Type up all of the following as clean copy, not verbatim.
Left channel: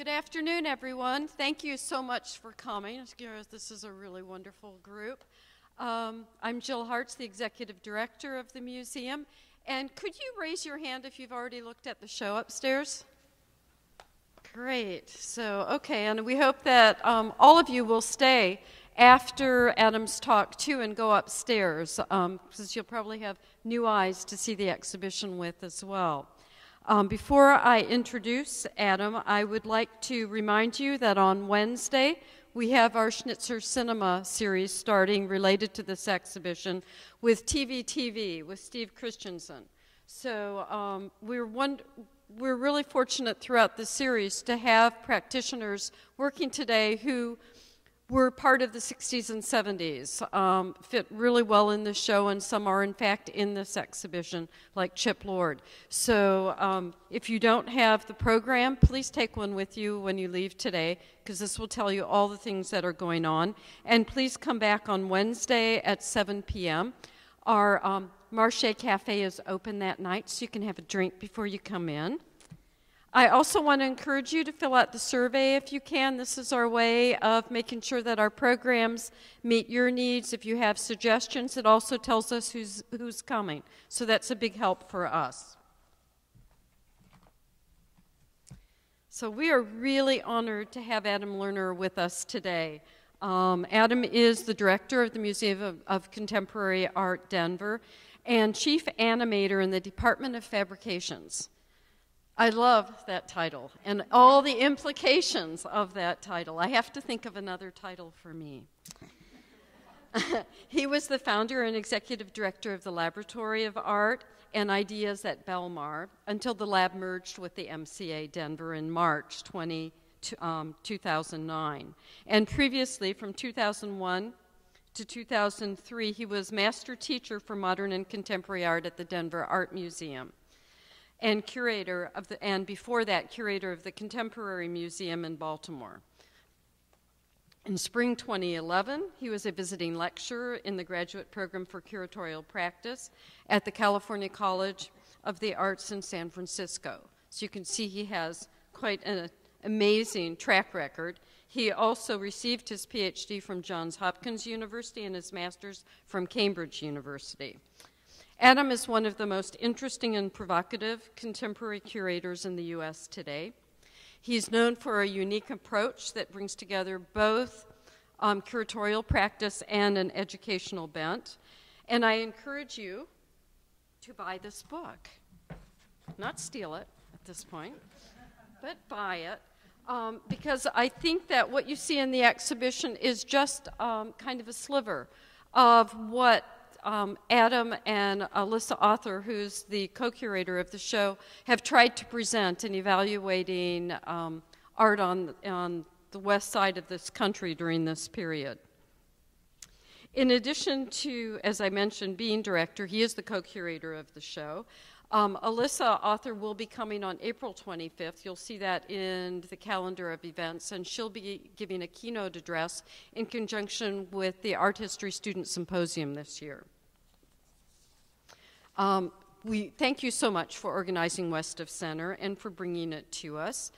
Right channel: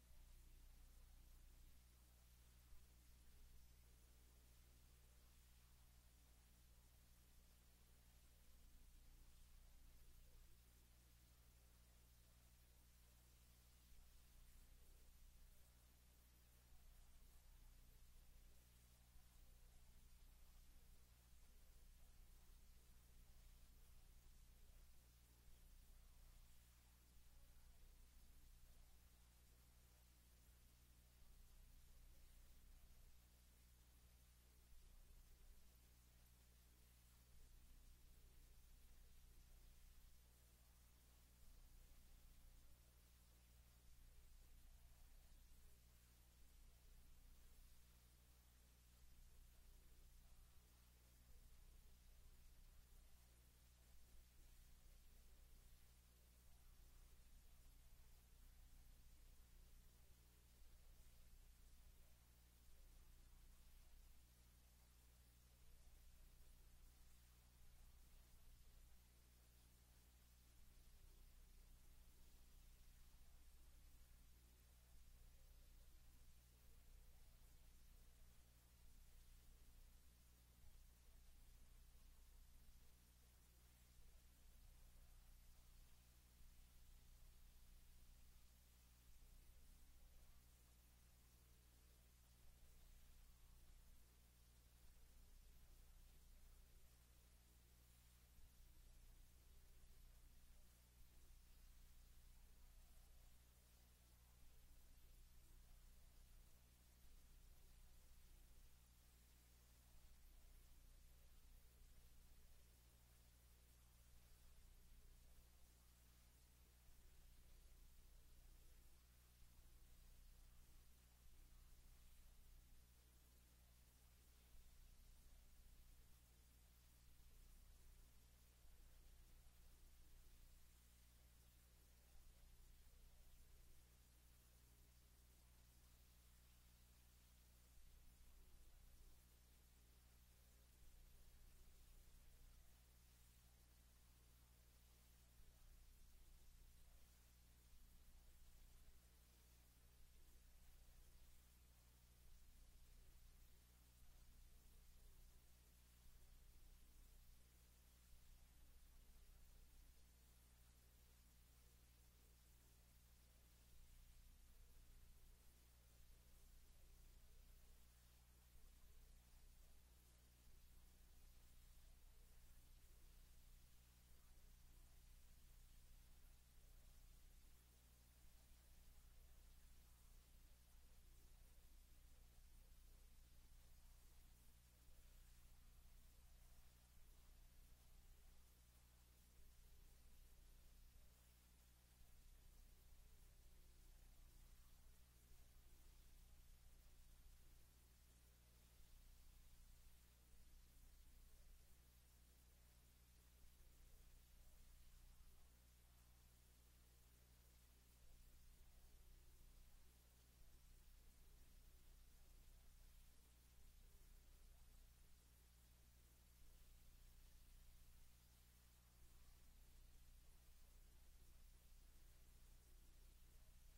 Good afternoon, everyone. Thank you so much for coming. This is a really wonderful group. I'm Jill Hartz, the Executive Director of the museum. And could you raise your hand if you've already looked at the show upstairs? Great. So, okay, and we hope that all of you will stay after Adam's talk, too, and go upstairs, because you'll probably have new eyes to see the exhibition with as well. Before I introduce Adam, I would like to remind you that on Wednesday, we have our Schnitzer Cinema series starting related to this exhibition with TV with Steve Christensen. So we're really fortunate throughout the series to have practitioners working today who were part of the 60s and 70s, fit really well in the show, and some are in fact in this exhibition, like Chip Lord. So if you don't have the program, please take one with you when you leave today, because this will tell you all the things that are going on. And please come back on Wednesday at 7 p.m. Our Marché Cafe is open that night, so you can have a drink before you come in. I also want to encourage you to fill out the survey if you can. This is our way of making sure that our programs meet your needs. If you have suggestions, it also tells us who's coming. So that's a big help for us. So we are really honored to have Adam Lerner with us today. Adam is the director of the Museum of Contemporary Art, Denver, and chief animator in the Department of Fabrications. I love that title and all the implications of that title. I have to think of another title for me. He was the founder and executive director of the Laboratory of Art and Ideas at Belmar until the lab merged with the MCA Denver in March 2009. And previously, from 2001 to 2003, he was master teacher for modern and contemporary art at the Denver Art Museum, and curator of and before that, curator of the Contemporary Museum in Baltimore. In spring 2011, he was a visiting lecturer in the graduate program for curatorial practice at the California College of the Arts in San Francisco. So you can see he has quite an amazing track record. He also received his PhD from Johns Hopkins University and his master's from Cambridge University. Adam is one of the most interesting and provocative contemporary curators in the U.S. today. He's known for a unique approach that brings together both curatorial practice and an educational bent. And I encourage you to buy this book. Not steal it at this point, but buy it. Because I think that what you see in the exhibition is just kind of a sliver of what Adam and Alyssa Author, who's the co-curator of the show, have tried to present in evaluating art on the west side of this country during this period. In addition to, as I mentioned, being director, he is the co-curator of the show. Alyssa Author will be coming on April 25th. You'll see that in the calendar of events, and she'll be giving a keynote address in conjunction with the Art History Student Symposium this year. We thank you so much for organizing West of Center and for bringing it to us.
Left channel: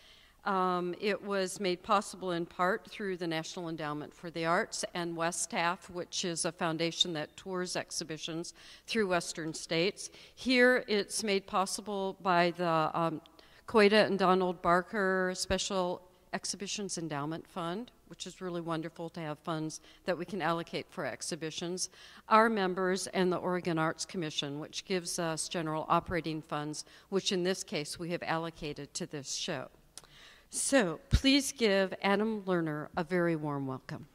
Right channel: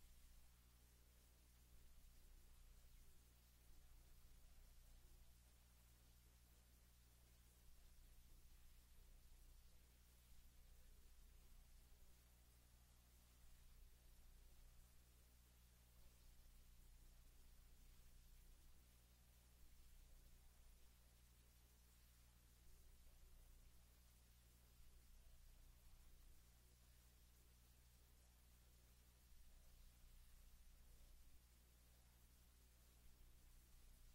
It was made possible in part through the National Endowment for the Arts and WESTAF, which is a foundation that tours exhibitions through Western states. Here it's made possible by the Coita and Donald Barker Special Exhibitions Endowment Fund, which is really wonderful to have funds that we can allocate for exhibitions, our members, and the Oregon Arts Commission, which gives us general operating funds, which in this case we have allocated to this show. So please give Adam Lerner a very warm welcome.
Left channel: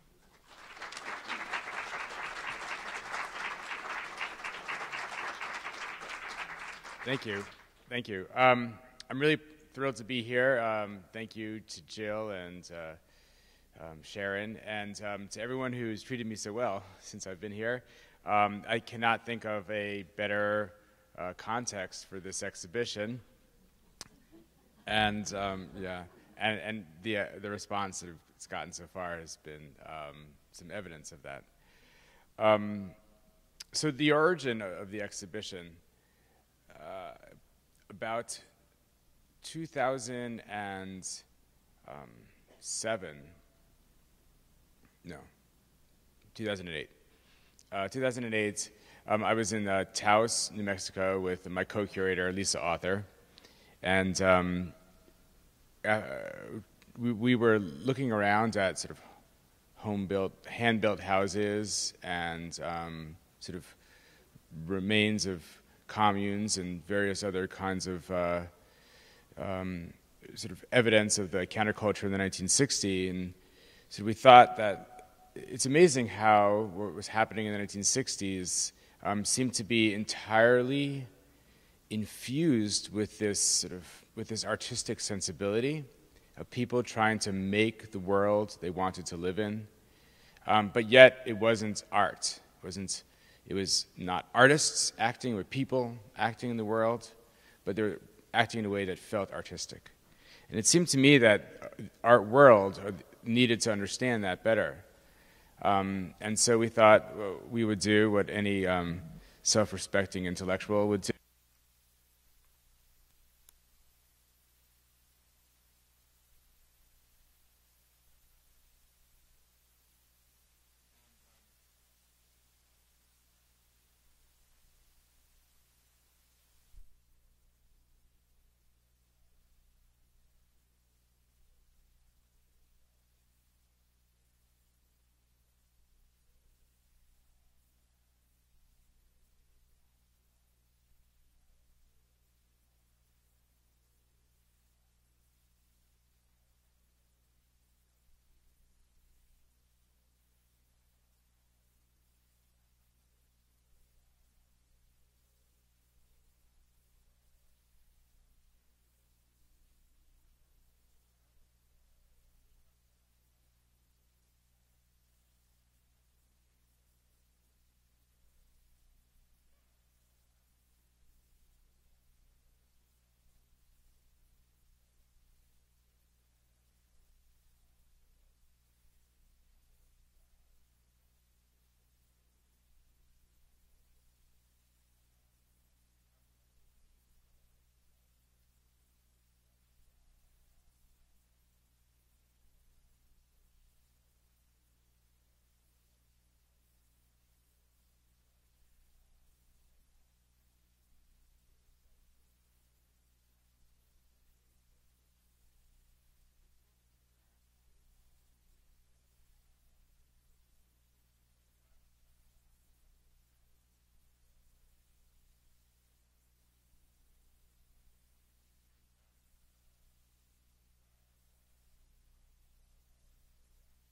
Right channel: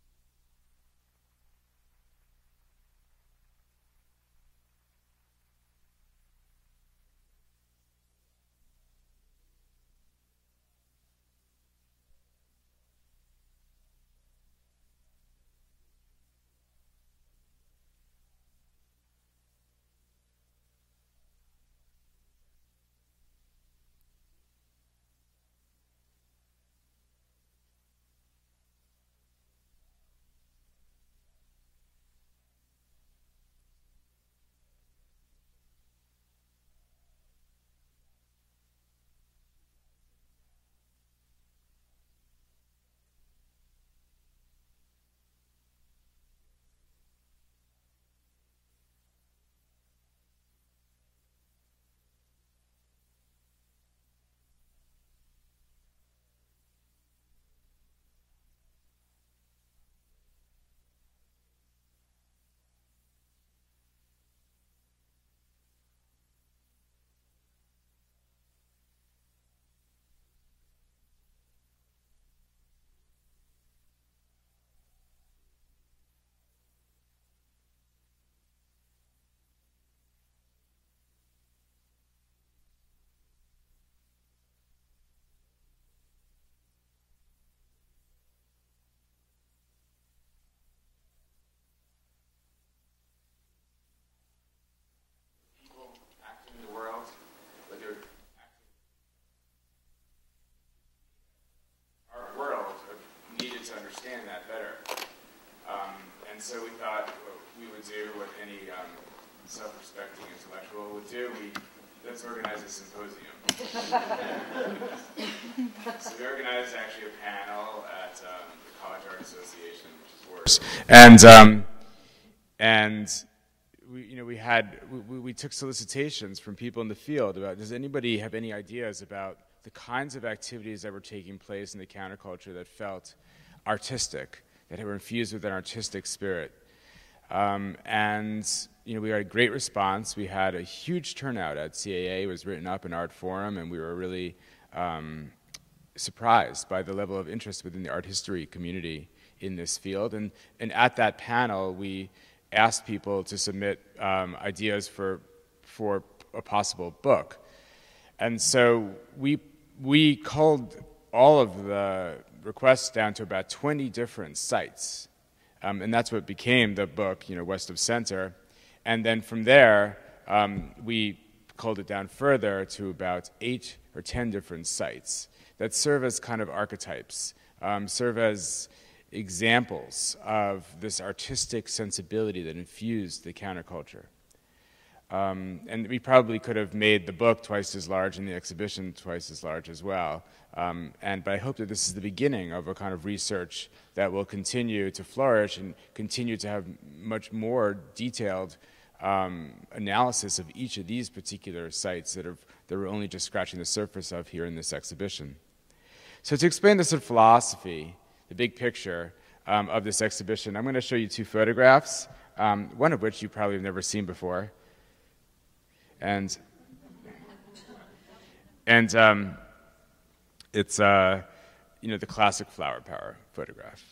Thank you. Thank you. I'm really thrilled to be here. Thank you to Jill and Sharon, and to everyone who's treated me so well since I've been here. I cannot think of a better context for this exhibition. And yeah. And the response that it's gotten so far has been some evidence of that. So the origin of the exhibition, about 2000 and 2008. 2008, I was in Taos, New Mexico with my co-curator, Lisa Author, and we were looking around at sort of home-built, hand-built houses and sort of remains of communes and various other kinds of sort of evidence of the counterculture in the 1960s. And so we thought that it's amazing how what was happening in the 1960s seemed to be entirely infused with this artistic sensibility of people trying to make the world they wanted to live in, but yet it wasn't art. It was not artists acting, but people acting in the world, but they were acting in a way that felt artistic. And it seemed to me that art world needed to understand that better. And so we thought we would do what any self-respecting intellectual would do. Let's organize a symposium. So we organized actually a panel at the College Art Association, which is worse. And we took solicitations from people in the field about, does anybody have any ideas about the kinds of activities that were taking place in the counterculture that felt artistic, that were infused with an artistic spirit. We had a great response. We had a huge turnout at CAA. It was written up in Art Forum, and we were really surprised by the level of interest within the art history community in this field. And at that panel, we asked people to submit ideas for a possible book. And so we culled all of the requests down to about 20 different sites. And that's what became the book, West of Center. And then from there, we culled it down further to about 8 or 10 different sites that serve as kind of archetypes, serve as examples of this artistic sensibility that infused the counterculture. And we probably could have made the book twice as large and the exhibition twice as large as well. But I hope that this is the beginning of a kind of research that will continue to flourish and continue to have much more detailed analysis of each of these particular sites that we're only just scratching the surface of here in this exhibition. So to explain the sort of philosophy, the big picture of this exhibition, I'm going to show you 2 photographs, one of which you probably have never seen before. And it's the classic flower power photograph.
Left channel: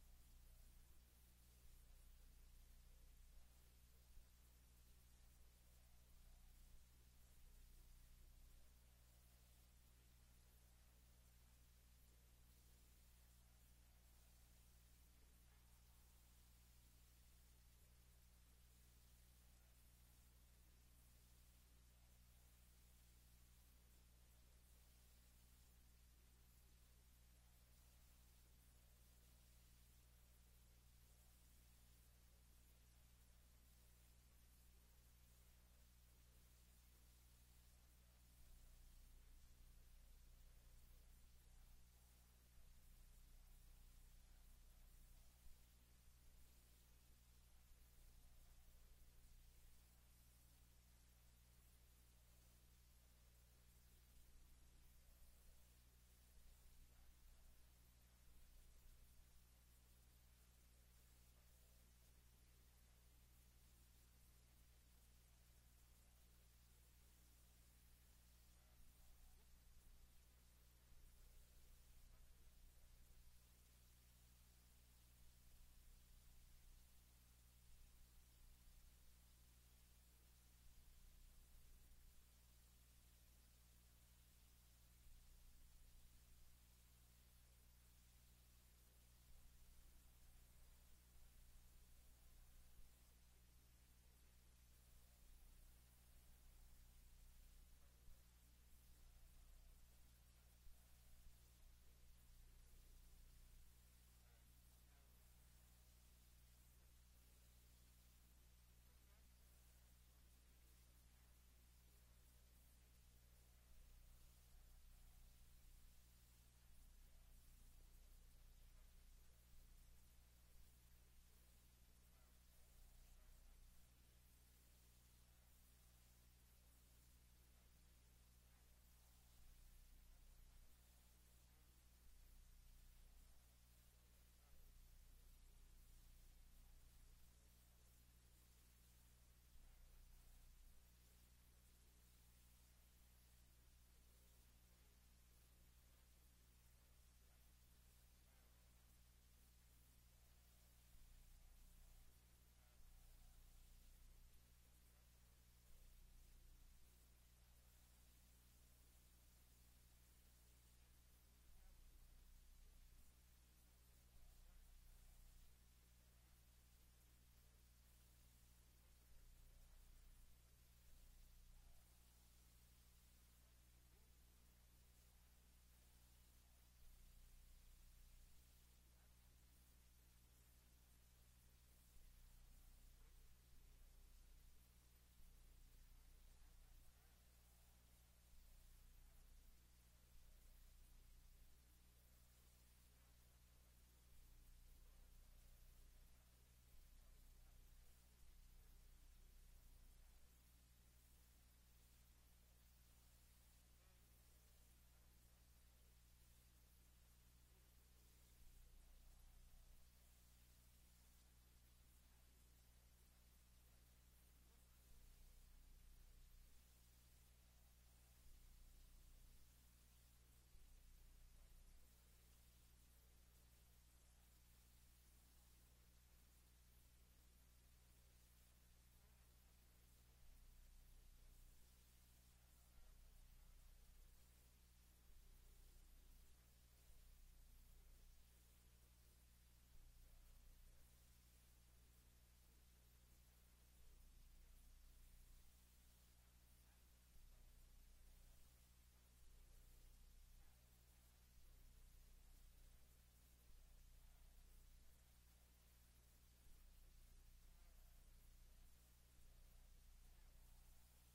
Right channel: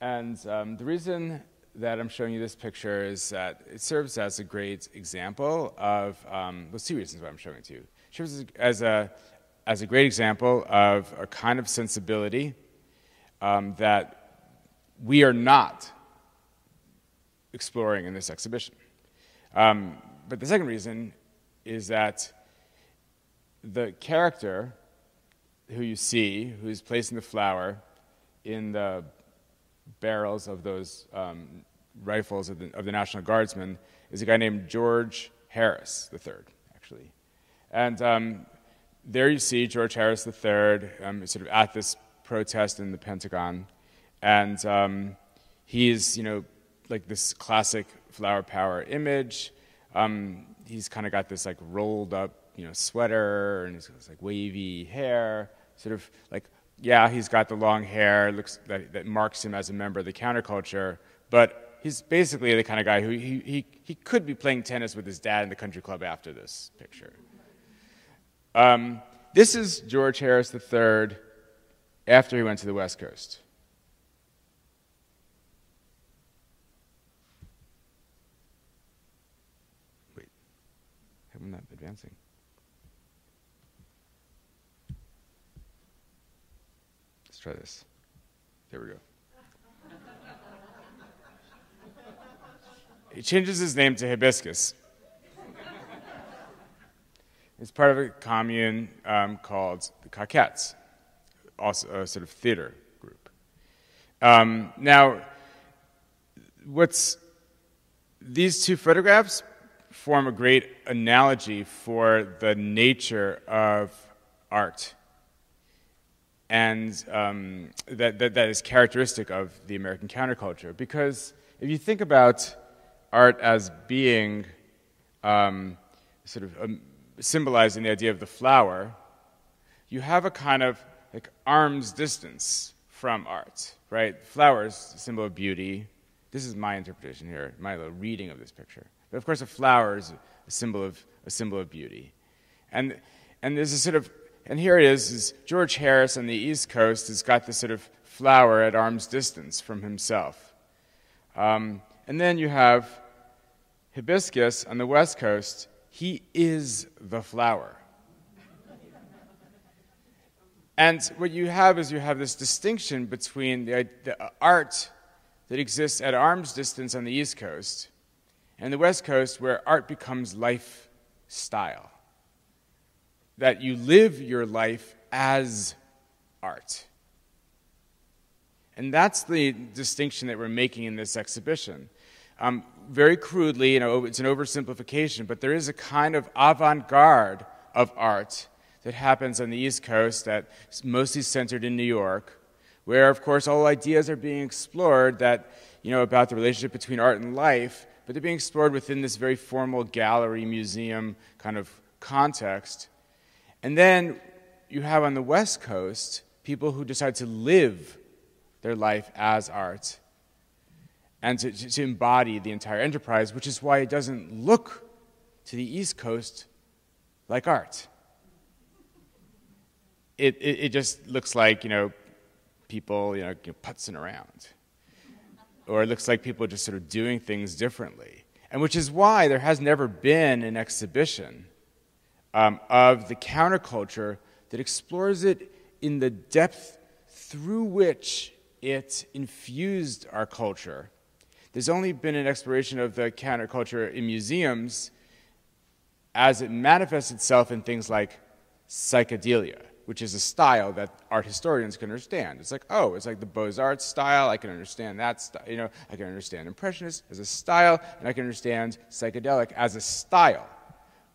And the reason that I'm showing you this picture is that it serves as a great example of, well, 2 reasons why I'm showing it to you. It serves as a great example of a kind of sensibility that we are not exploring in this exhibition. But the second reason is that the character who you see, who's placing the flower in the barrels of those rifles of the National Guardsmen, is a guy named George Harris III, actually. And there you see George Harris III sort of at this protest in the Pentagon. And he's, like this classic flower power image. He's kind of got this like rolled up, sweater, and he's got this like wavy hair, sort of like, yeah, he's got the long hair, looks that marks him as a member of the counterculture, but he's basically the kind of guy who he could be playing tennis with his dad in the country club after this picture. This is George Harris III after he went to the West Coast. Wait, I'm not advancing. Let's try this. There we go. He changes his name to Hibiscus. It's part of a commune called the Coquettes, also a sort of theater group. Now, these 2 photographs form a great analogy for the nature of art. and that is characteristic of the American counterculture. Because if you think about art as being symbolizing the idea of the flower, you have a kind of like arm's distance from art, right? Flower is a symbol of beauty. This is my interpretation here, my little reading of this picture. But of course, a flower is a symbol of beauty, and there's a sort of, and here it is George Harris on the East Coast has got this sort of flower at arm's distance from himself, and then you have Hibiscus on the West Coast. He is the flower. And what you have is you have this distinction between the art that exists at arm's distance on the East Coast and the West Coast, where art becomes lifestyle. That you live your life as art. And that's the distinction that we're making in this exhibition. Very crudely, it's an oversimplification, but there is a kind of avant-garde of art that happens on the East Coast that's mostly centered in New York, where, of course, all ideas are being explored that, about the relationship between art and life, but they're being explored within this very formal gallery, museum kind of context. And then you have on the West Coast people who decide to live their life as art and to embody the entire enterprise, which is why it doesn't look to the East Coast like art. It just looks like, people, putzing around. Or it looks like people just sort of doing things differently. And which is why there has never been an exhibition of the counterculture that explores it in the depth through which it infused our culture. There's only been an exploration of the counterculture in museums as it manifests itself in things like psychedelia, which is a style that art historians can understand. It's like, oh, it's like the Beaux-Arts style. I can understand that style. I can understand Impressionist as a style, and I can understand psychedelic as a style.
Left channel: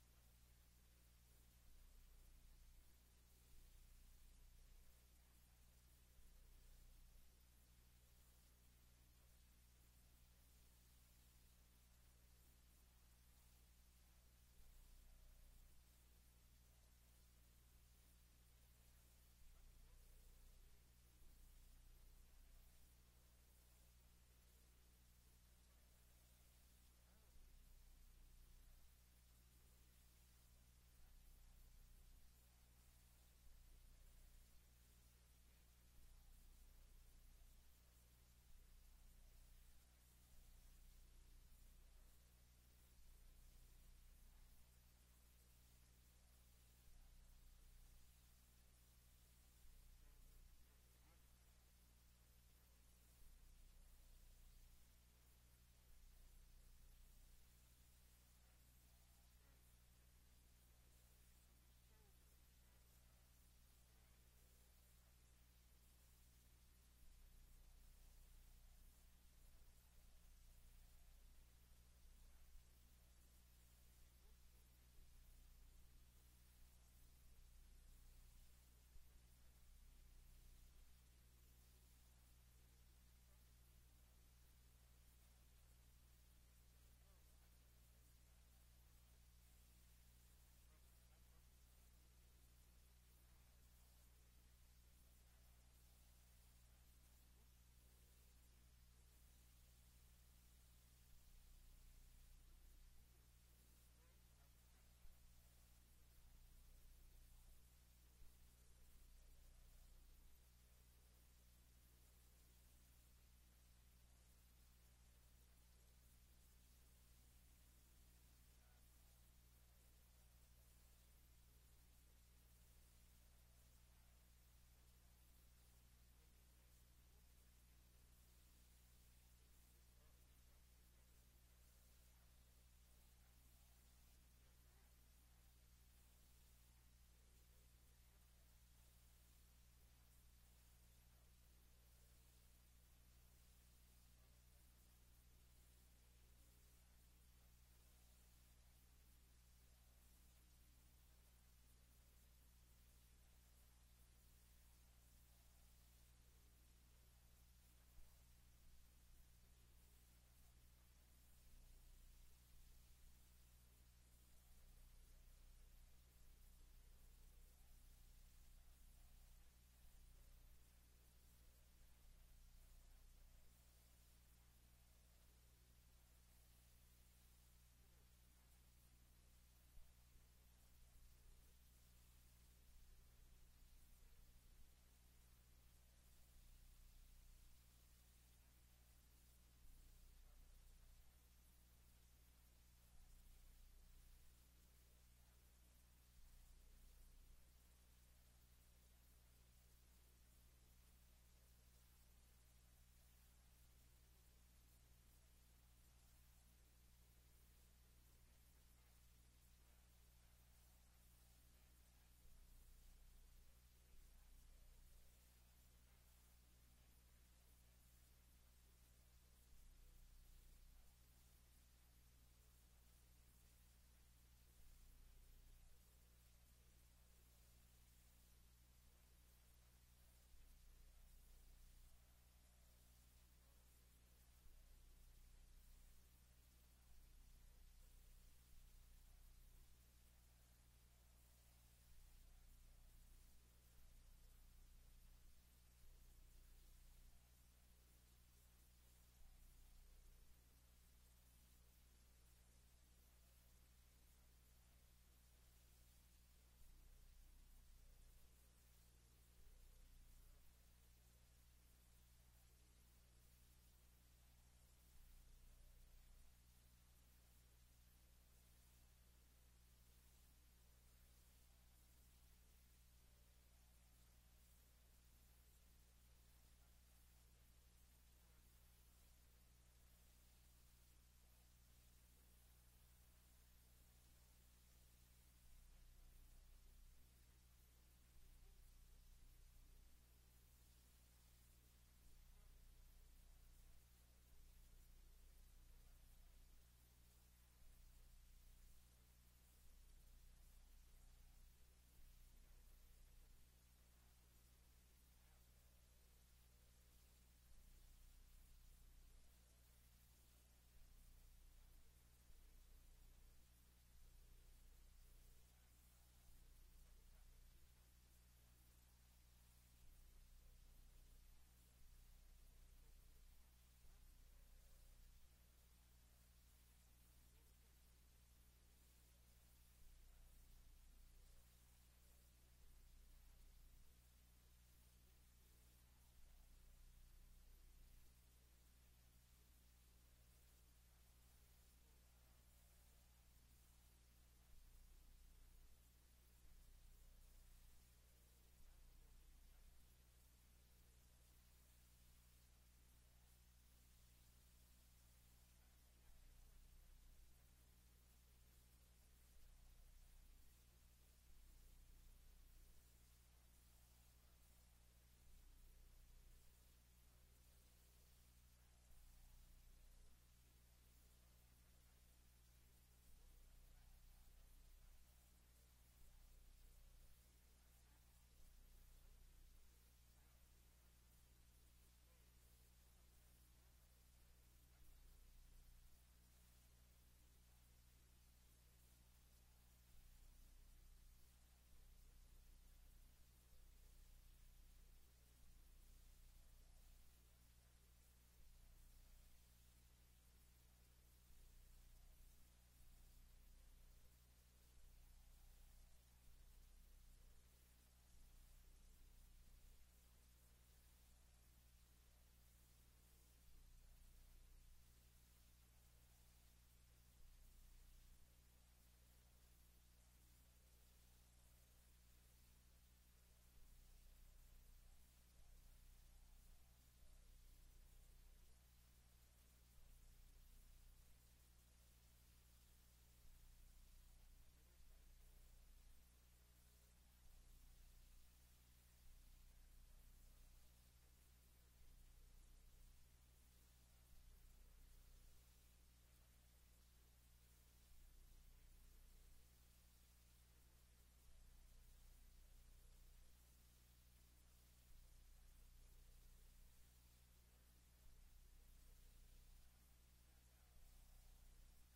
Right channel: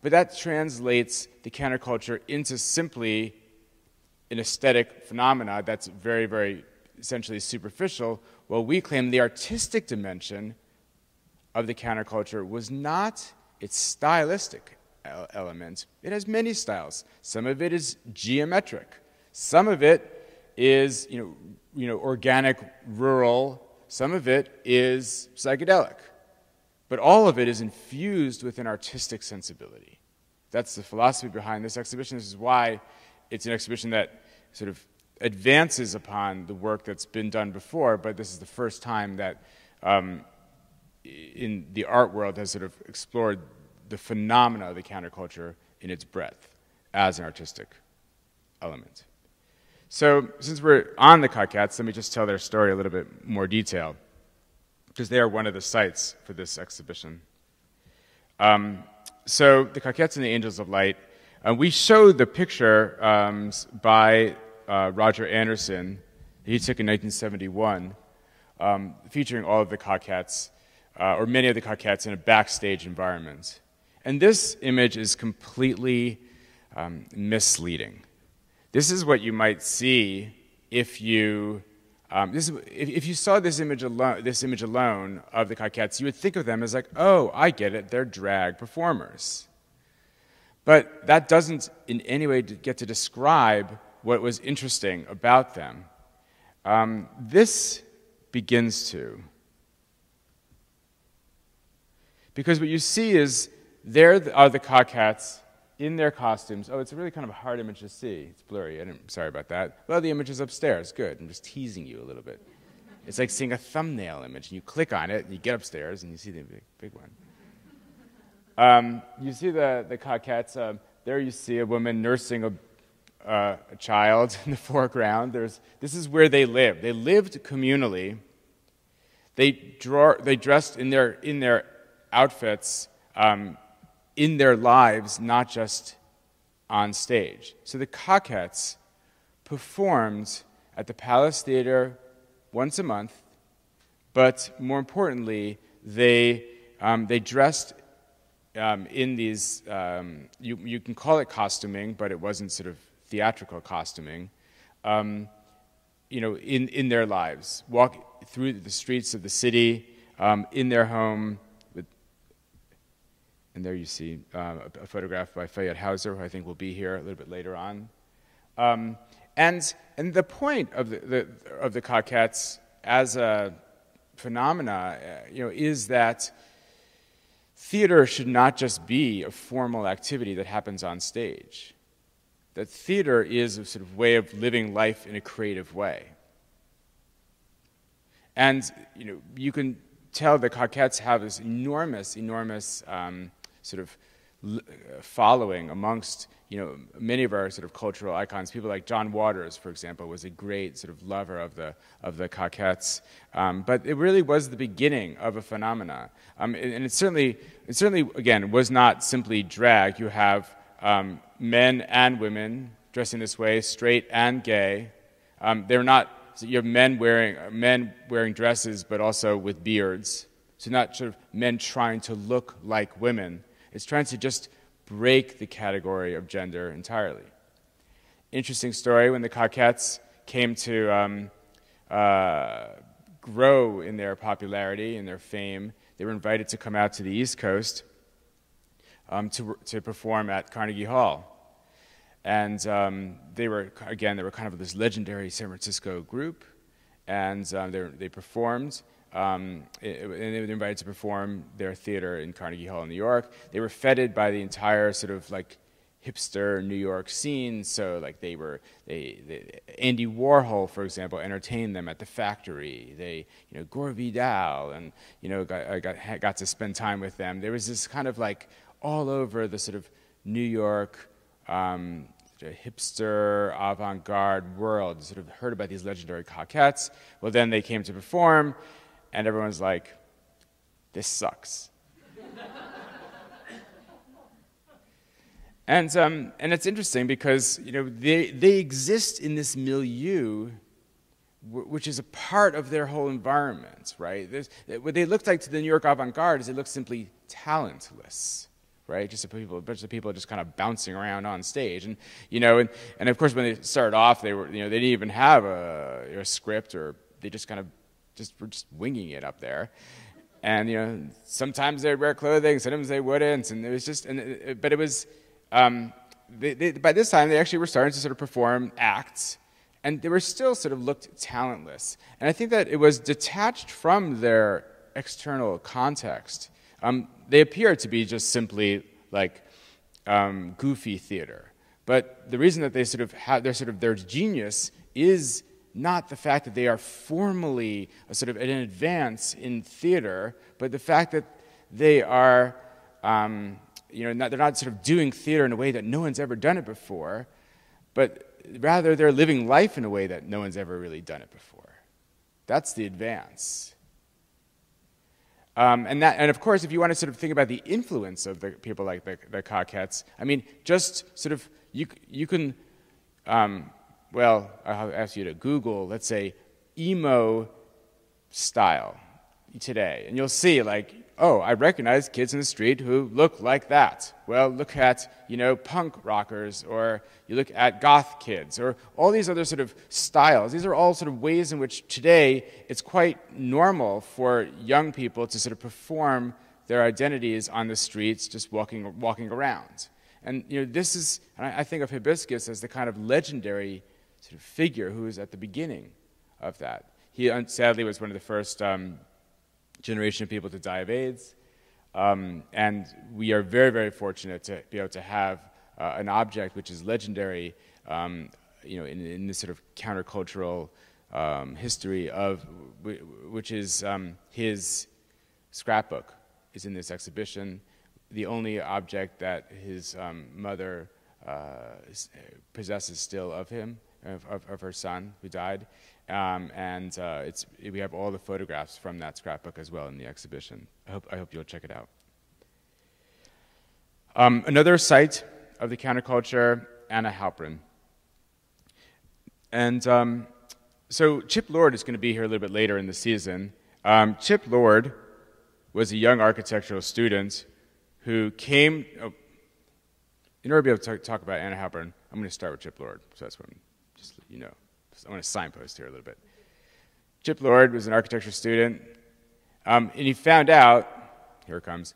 But that translates the counterculture into simply an aesthetic phenomena that's very, very essentially superficial, while we claim the artistic dimension of the counterculture was not its stylistic element. It has many styles. Some of it is geometric. Some of it is, organic, rural. Some of it is psychedelic. But all of it is infused with an artistic sensibility. That's the philosophy behind this exhibition. This is why it's an exhibition that sort of advances upon the work that's been done before, but this is the first time that in the art world has sort of explored the phenomena of the counterculture in its breadth as an artistic element. So since we're on the Coquettes, let me just tell their story a little bit more detail, because they are one of the sites for this exhibition. So the Coquettes and the Angels of Light, we showed the picture by Roger Anderson he took in 1971, featuring all of the Coquettes, or many of the Coquettes in a backstage environment. And this image is completely misleading. This is what you might see if you if you saw this image alone of the Coquettes, you would think of them as like, oh, I get it, they're drag performers. But that doesn't in any way get to describe what was interesting about them. This begins to. Because what you see is there are the Coquettes in their costumes. Oh, it's a really kind of a hard image to see. It's blurry. Sorry about that. Well, the image is upstairs. Good. I'm just teasing you a little bit. It's like seeing a thumbnail image, and you click on it, and you get upstairs, and you see the big one. You see the Coquettes. There you see a woman nursing a child in the foreground. This is where they lived. They lived communally. They dressed in their outfits in their lives, not just on stage. So the Coquettes performed at the Palace Theater once a month, but more importantly, they dressed in these, you can call it costuming, but it wasn't sort of theatrical costuming, in their lives, walk through the streets of the city, in their home. And there you see a photograph by Fayette Hauser, who I think will be here a little bit later on. And the point of the coquettes as a phenomena, is that theater should not just be a formal activity that happens on stage. That theater is a sort of way of living life in a creative way. And you can tell the coquettes have this enormous sort of following amongst many of our sort of cultural icons. People like John Waters, for example, was a great sort of lover of the coquettes. But it really was the beginning of a phenomena, and it certainly again was not simply drag. You have men and women dressing this way, straight and gay. They're not. So you have men wearing dresses, but also with beards. So not sort of men trying to look like women. It's trying to just break the category of gender entirely. Interesting story, when the coquettes came to grow in their popularity and their fame, they were invited to come out to the East Coast to perform at Carnegie Hall. And they were kind of this legendary San Francisco group, and they performed. And they were invited to perform their theater in Carnegie Hall in New York. They were feted by the entire sort of like hipster New York scene. So like Andy Warhol, for example, entertained them at the Factory. They, Gore Vidal, and got to spend time with them. There was this kind of like all over the sort of New York hipster avant-garde world. Sort of heard about these legendary coquettes. Well, then they came to perform. And everyone's like, this sucks. And it's interesting because they exist in this milieu, which is a part of their whole environment, right? What they looked like to the New York avant-garde is they looked simply talentless, right? Just a bunch of people just kind of bouncing around on stage, and of course when they started off, they didn't even have a script, or they just kind of were just winging it up there. And sometimes they'd wear clothing, sometimes they wouldn't, and it was just but it was by this time they actually were starting to sort of perform acts, and they were still sort of looked talentless. And I think that it was detached from their external context. They appeared to be just simply like goofy theater, but the reason that they sort of have their genius is not the fact that they are formally sort of an advance in theater, but the fact that they are, they're not sort of doing theater in a way that no one's ever done it before, but rather they're living life in a way that no one's ever really done it before. That's the advance. And of course, if you want to sort of think about the influence of the people like the coquettes, I mean, just sort of you can. Well, I'll ask you to Google, let's say, emo style today. And you'll see, like, oh, I recognize kids in the street who look like that. Well, look at, punk rockers, or you look at goth kids, or all these other sort of styles. These are all sort of ways in which today it's quite normal for young people to sort of perform their identities on the streets, just walking around. And, this is, and I think of Hibiscus as the kind of legendary sort of figure who was at the beginning of that. He sadly was one of the first generation of people to die of AIDS, and we are very, very fortunate to be able to have an object which is legendary, in this sort of countercultural history of which is his scrapbook is in this exhibition. The only object that his mother possesses still of him. Of her son who died, and we have all the photographs from that scrapbook as well in the exhibition. I hope you'll check it out. Another site of the counterculture, Anna Halprin. And so Chip Lord is going to be here a little bit later in the season. Chip Lord was a young architectural student who came. In order to be able to talk about Anna Halprin, I'm going to start with Chip Lord. So that's what I'm just let you know. to signpost here a little bit. Chip Lord was an architecture student, and he found out, here it comes,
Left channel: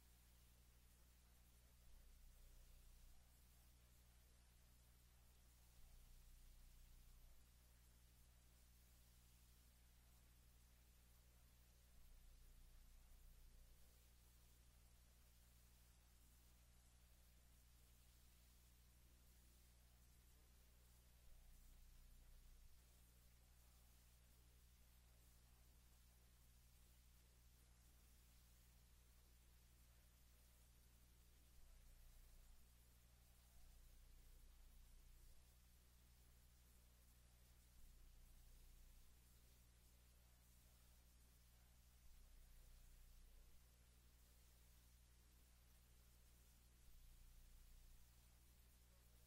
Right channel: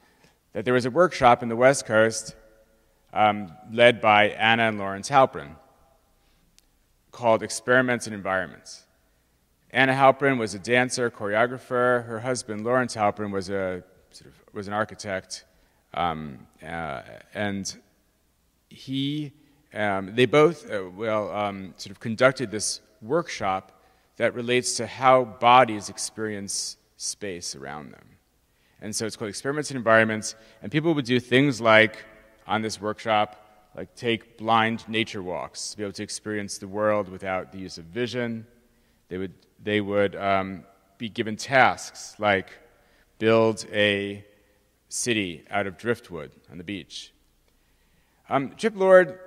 that there was a workshop in the West Coast led by Anna and Lawrence Halprin called Experiments and Environments. Anna Halprin was a dancer, choreographer. Her husband, Lawrence Halprin, was an architect, and they both sort of conducted this workshop that relates to how bodies experience space around them. And so it's called Experiments and Environments, and people would do things like, on this workshop, like take blind nature walks to be able to experience the world without the use of vision. They would be given tasks like build a city out of driftwood on the beach. Chip Lord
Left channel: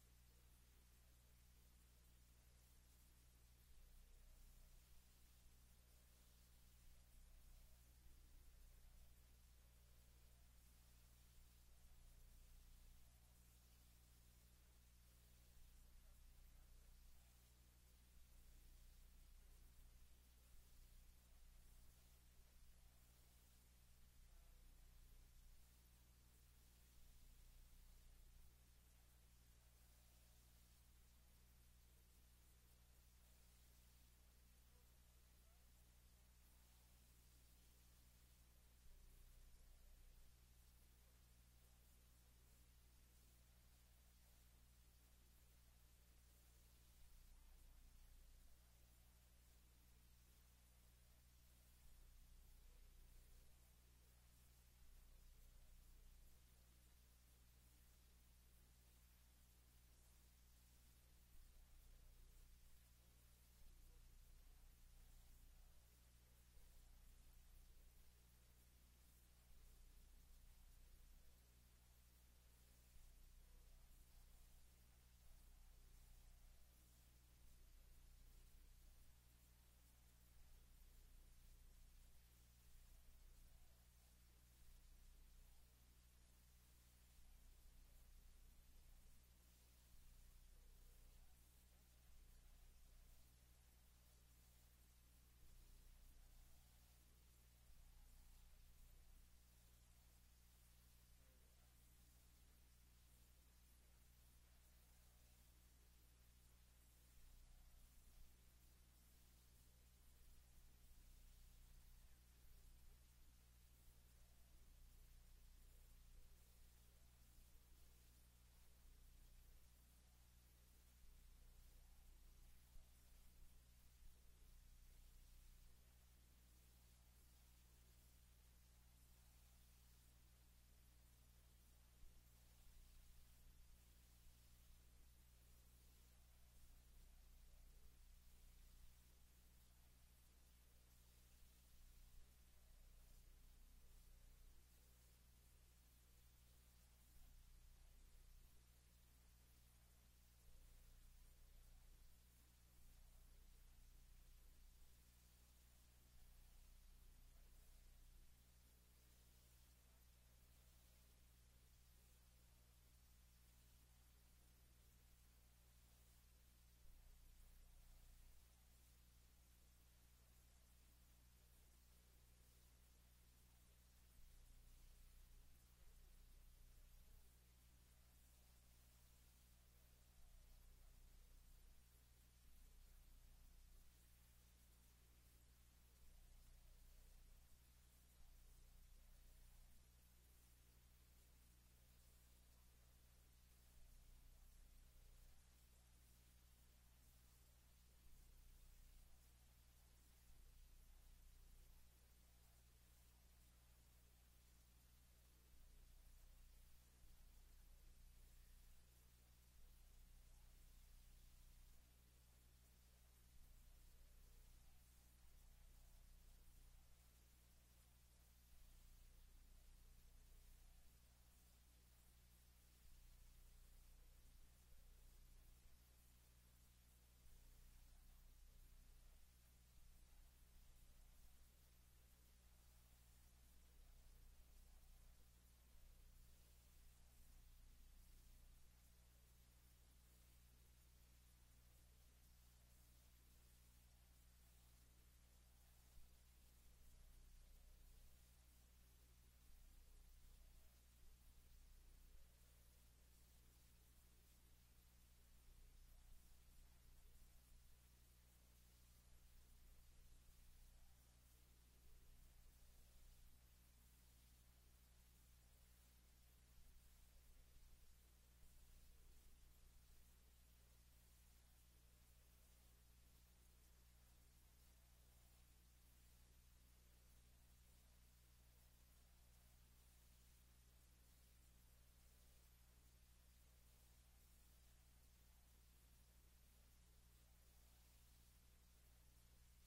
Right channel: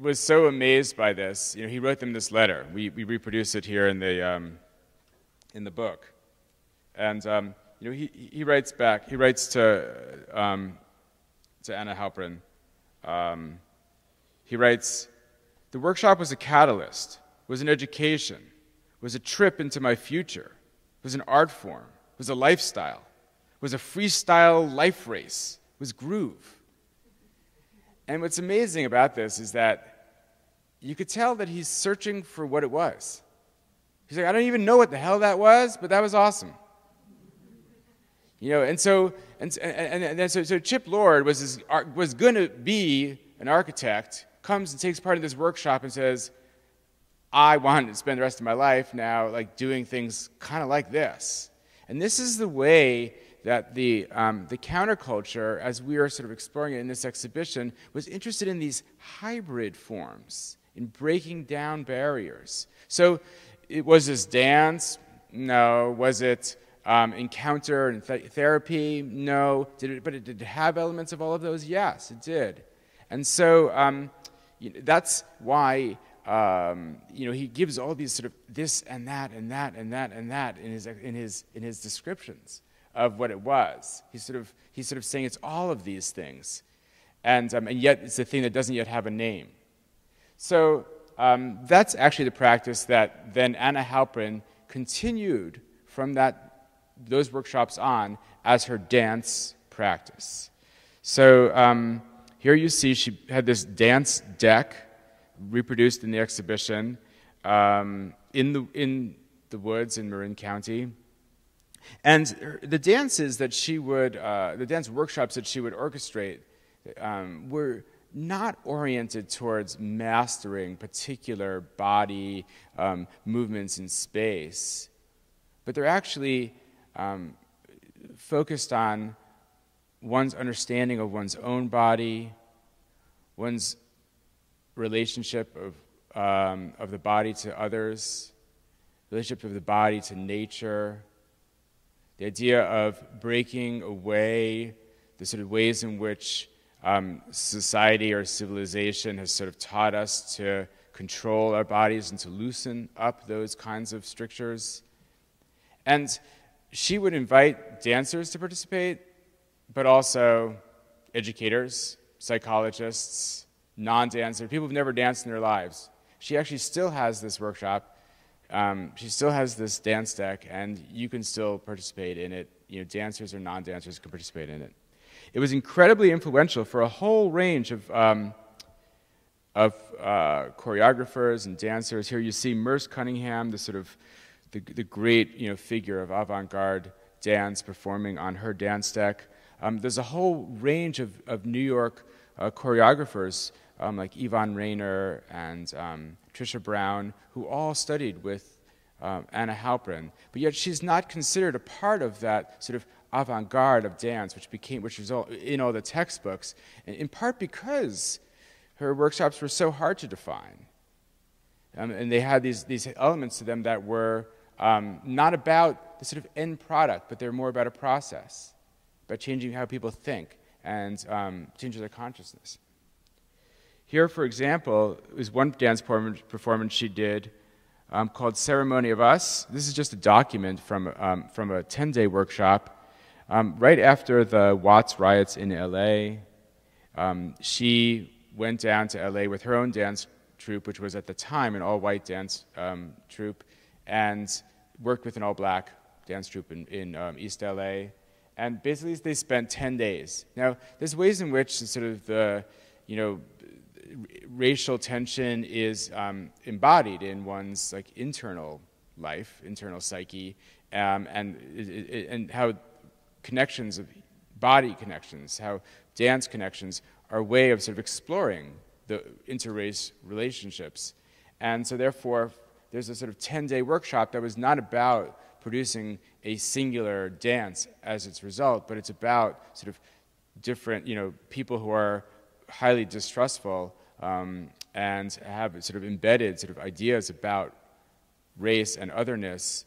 was so amazed by this. He wrote them this letter. We reproduce it here in the book, and he writes back. He writes to Anna Halprin. He writes, "The workshop was a catalyst, was an education, was a trip into my future, was an art form, was a lifestyle, was a freestyle life race, was groove." And what's amazing about this is that you could tell that he's searching for what it was. He's like, I don't even know what the hell that was, but that was awesome. So Chip Lord was going to be an architect, comes and takes part in this workshop and says, I want to spend the rest of my life now like doing things kind of like this. And this is the way that the counterculture, as we are sort of exploring it in this exhibition, was interested in these hybrid forms, in breaking down barriers. So was this dance? No. Was it encounter and therapy? No. But it did have elements of all of those? Yes, it did. And so that's why he gives all these sort of this and that and that and that and that in his descriptions of what it was. He's sort of saying it's all of these things, and yet it's a thing that doesn't yet have a name. So that's actually the practice that then Anna Halprin continued from those workshops on as her dance practice. So here you see she had this dance deck reproduced in the exhibition in the woods in Marin County. And the dances that the dance workshops that she would orchestrate were not oriented towards mastering particular body movements in space, but they're actually focused on one's understanding of one's own body, one's relationship of the body to others, relationship of the body to nature, the idea of breaking away the sort of ways in which society or civilization has sort of taught us to control our bodies and to loosen up those kinds of strictures. And she would invite dancers to participate, but also educators, psychologists, non-dancers, people who've never danced in their lives. She actually still has this workshop. She still has this dance deck, and you can still participate in it. Dancers or non-dancers can participate in it. It was incredibly influential for a whole range of choreographers and dancers. Here you see Merce Cunningham, the sort of the great figure of avant-garde dance performing on her dance deck. There's a whole range of New York choreographers like Yvonne Rainer and Trisha Brown, who all studied with Anna Halprin, but yet she's not considered a part of that sort of avant-garde of dance, which was all in all the textbooks, in part because her workshops were so hard to define, and they had these elements to them that were not about the sort of end product, but they're more about a process, about changing how people think and changing their consciousness. Here, for example, is one dance performance she did called Ceremony of Us. This is just a document from a 10-day workshop. Right after the Watts riots in LA, she went down to LA with her own dance troupe, which was at the time an all-white dance troupe, and worked with an all-black dance troupe in East LA. And basically, they spent 10 days. Now, there's ways in which sort of the, racial tension is embodied in one's like internal life, internal psyche, and how connections of body connections, how dance connections are a way of sort of exploring the interrace relationships. And so therefore, there's a sort of 10-day workshop that was not about producing a singular dance as its result, but it's about sort of different, people who are highly distrustful and have sort of embedded sort of ideas about race and otherness,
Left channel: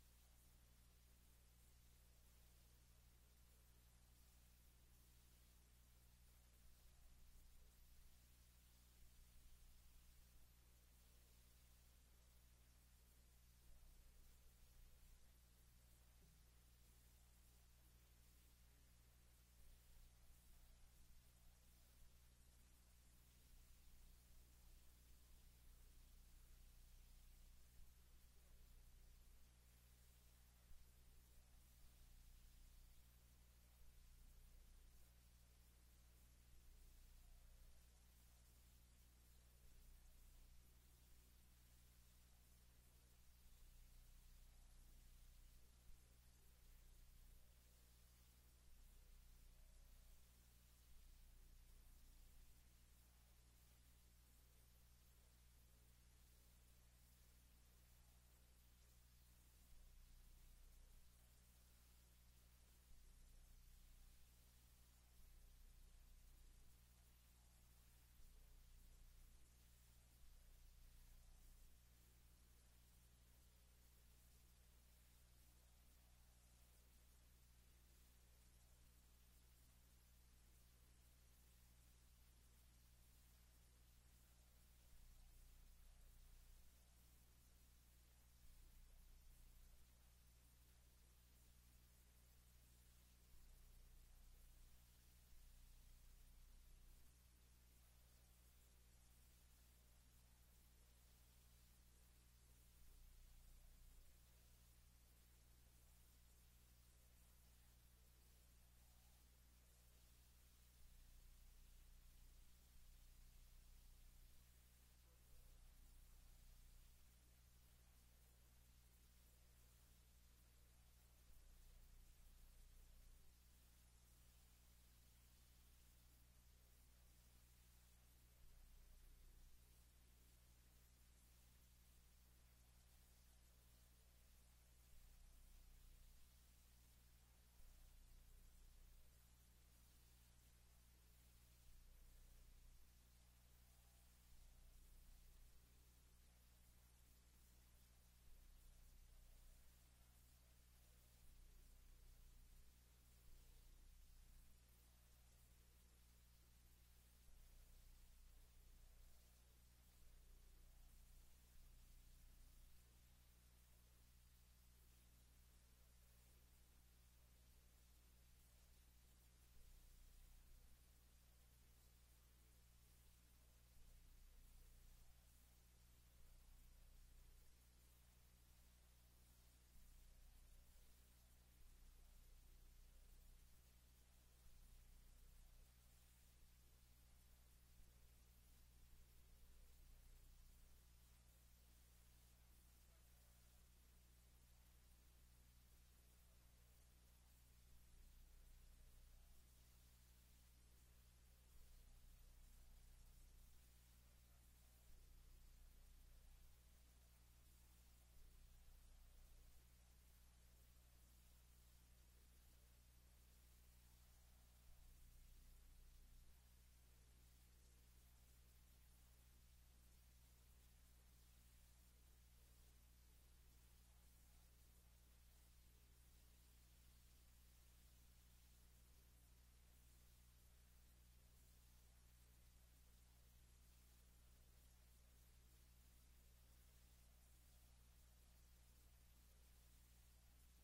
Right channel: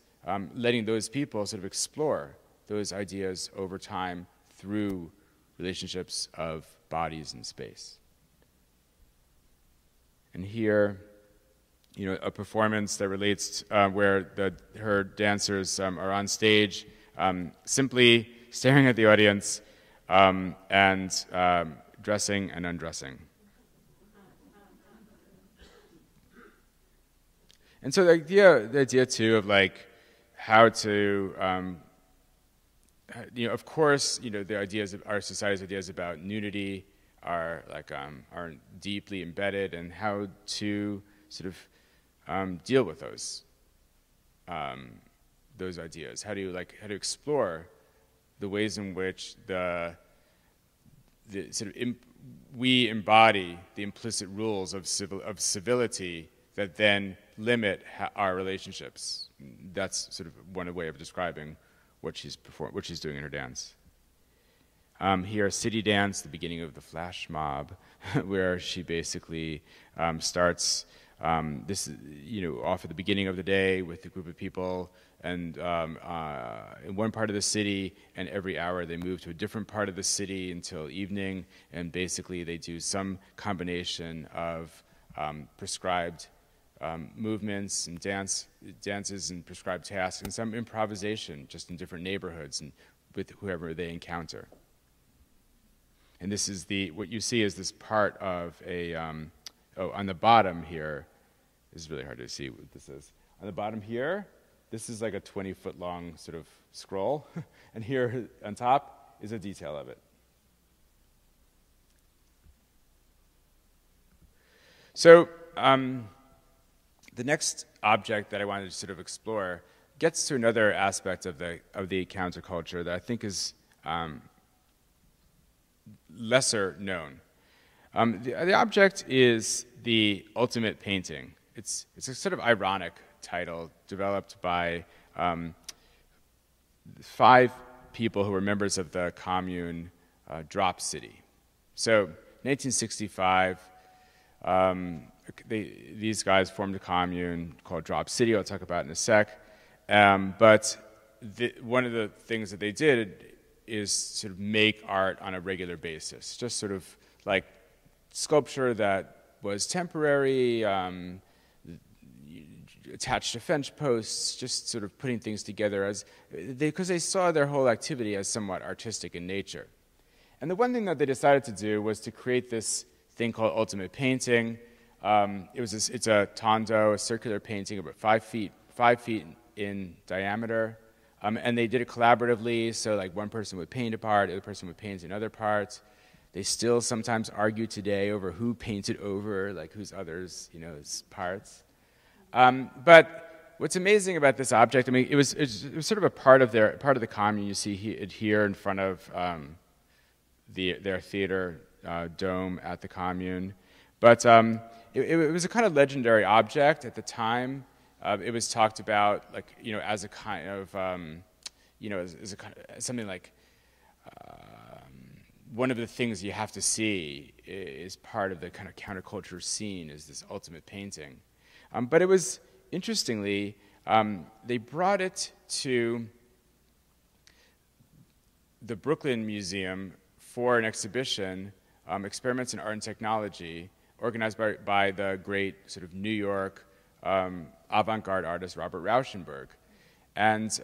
letting those people sort of explore those ideas over time through relationships of bodies in space. And here, a performance that relates where her dancers are on stage, simply staring at the audience and dressing and undressing. And so the idea too of like how to, of course, the ideas of our society's ideas about nudity are deeply embedded, and how to sort of deal with those ideas. How to explore the ways in which we embody the implicit rules of civility that then limit our relationships. That's sort of one way of describing what she's doing in her dance. Here, City Dance, the beginning of the flash mob, where she basically starts this, off at the beginning of the day with a group of people, and in one part of the city, and every hour they move to a different part of the city until evening, and basically they do some combination of prescribed movements and dances and prescribed tasks, and some improvisation just in different neighborhoods and with whoever they encounter. And this is what you see is this part of a, on the bottom here, this is really hard to see what this is. On the bottom here, this is like a 20-foot long sort of scroll, and here on top is a detail of it. So the next object that I wanted to sort of explore gets to another aspect of the counterculture that I think is lesser known. The object is the ultimate painting. It's a sort of ironic title developed by 5 people who were members of the commune Drop City. So 1965, these guys formed a commune called Drop City. I'll talk about it in a sec. But one of the things that they did is sort of make art on a regular basis, just sort of like sculpture that was temporary, attached to fence posts, just sort of putting things together because they saw their whole activity as somewhat artistic in nature. And the one thing that they decided to do was to create this thing called ultimate painting. It's a tondo, a circular painting about 5 feet in diameter. And they did it collaboratively, so like one person would paint a part, the other person would paint another part. They still sometimes argue today over who painted over, like whose others, parts. But what's amazing about this object, I mean, it was sort of a part of the commune. You see it here in front of their theater dome at the commune. But it was a kind of legendary object at the time. It was talked about, as a kind of, something like one of the things you have to see is part of the kind of counterculture scene is this ultimate painting. But it was, interestingly, they brought it to the Brooklyn Museum for an exhibition, Experiments in Art and Technology, organized by the great sort of New York avant-garde artist Robert Rauschenberg. And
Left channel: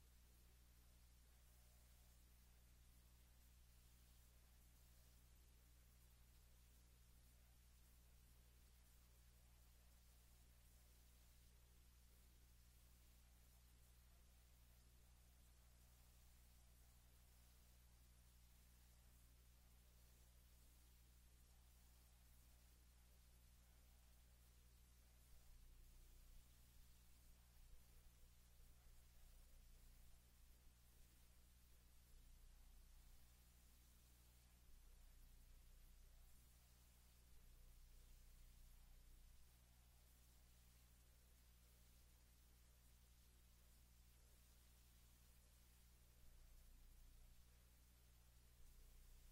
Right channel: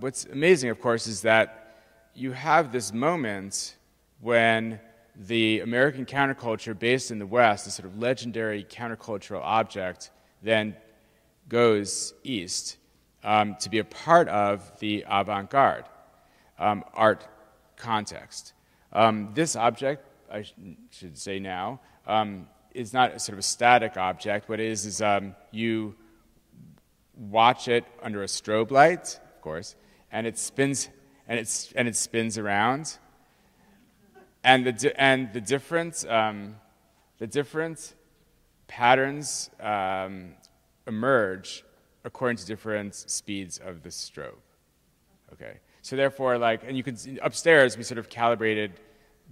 what's amazing, of course, is that you have this moment when the American counterculture based in the West, the sort of legendary countercultural object, then goes east to be a part of the avant-garde art context. This object, I should say now, is not a sort of a static object. What it is you watch it under a strobe light, of course, and it spins, and it spins around, and the different patterns emerge according to different speeds of the strobe. Okay, so therefore, like, and you can see upstairs we sort of calibrated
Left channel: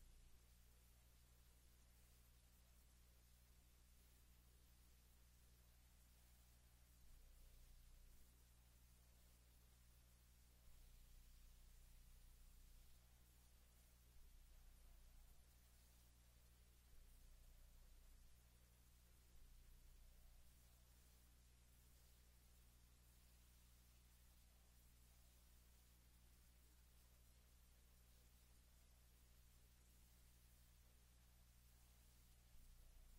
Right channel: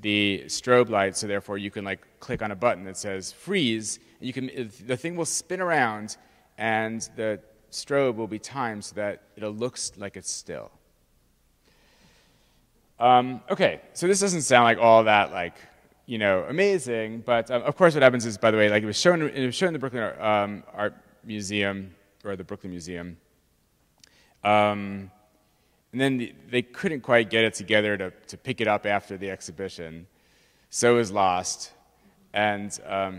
the strobe light, so therefore you can like click on a button that says freeze, and you can the thing will spin around, and the strobe will be timed so that it looks like it's still. Okay, so this doesn't sound like all that like, you know, amazing, but of course what happens is, by the way, like it was shown in the Brooklyn Art Museum, or the Brooklyn Museum, and then they couldn't quite get it together to pick it up after the exhibition, so it was lost. And it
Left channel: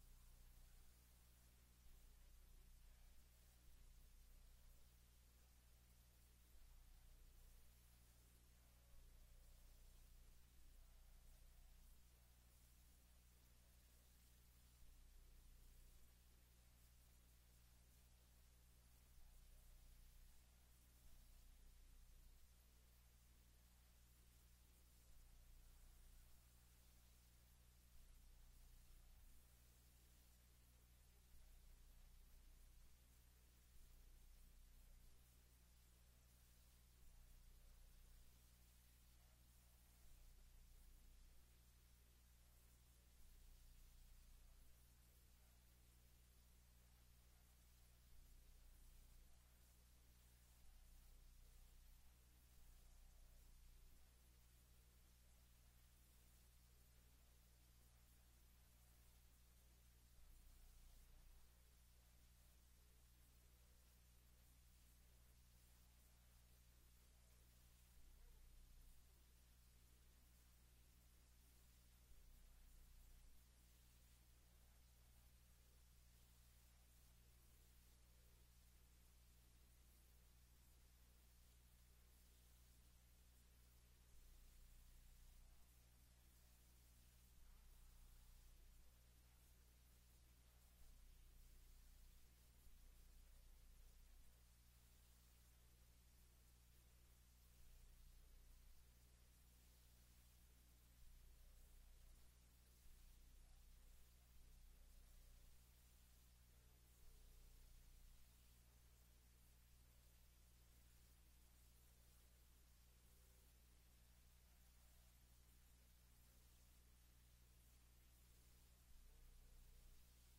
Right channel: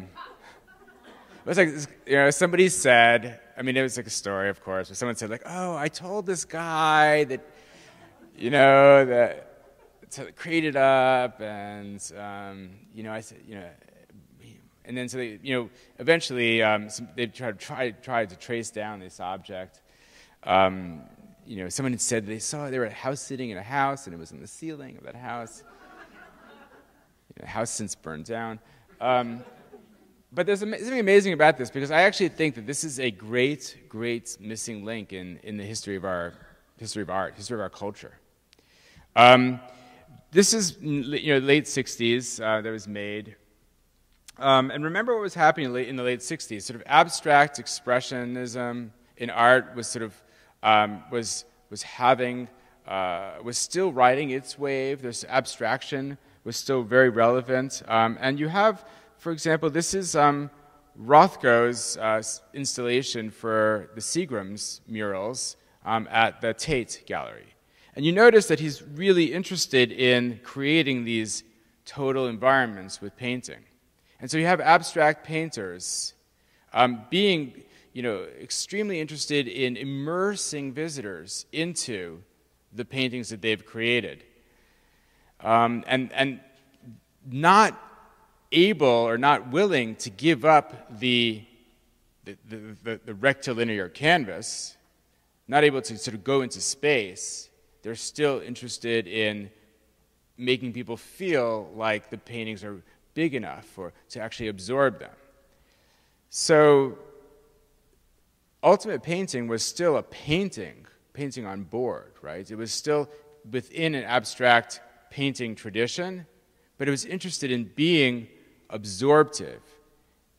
was like, you know, somebody said, I mean, it was like a story, of course, but someone said like, oh, I told this guy that, you know, that to create it up, and you know, I said, you know, and then so they, you know, eventually they tried to trace down this object. You know, someone had said they were house sitting in a house, and it was on the ceiling of that house. You know, the house since burned down. But there's something amazing about this, because I actually think that this is a great, great missing link in the history of our art, history of our culture. This is, you know, late 60s that was made. And remember what was happening in the late 60s. Sort of abstract expressionism in art was sort of, was still riding its wave. This abstraction was still very relevant. And you have, for example, this is Rothko's installation for the Seagram's murals at the Tate Gallery. And you notice that he's really interested in creating these total environments with painting. And so you have abstract painters being, you know, extremely interested in immersing visitors into the paintings that they've created. And not able or not willing to give up the rectilinear canvas, not able to sort of go into space. They're still interested in making people feel like the paintings are big enough to actually absorb them. So ultimate painting was still a painting on board, right? It was still within an abstract painting tradition, but it was interested in being absorptive,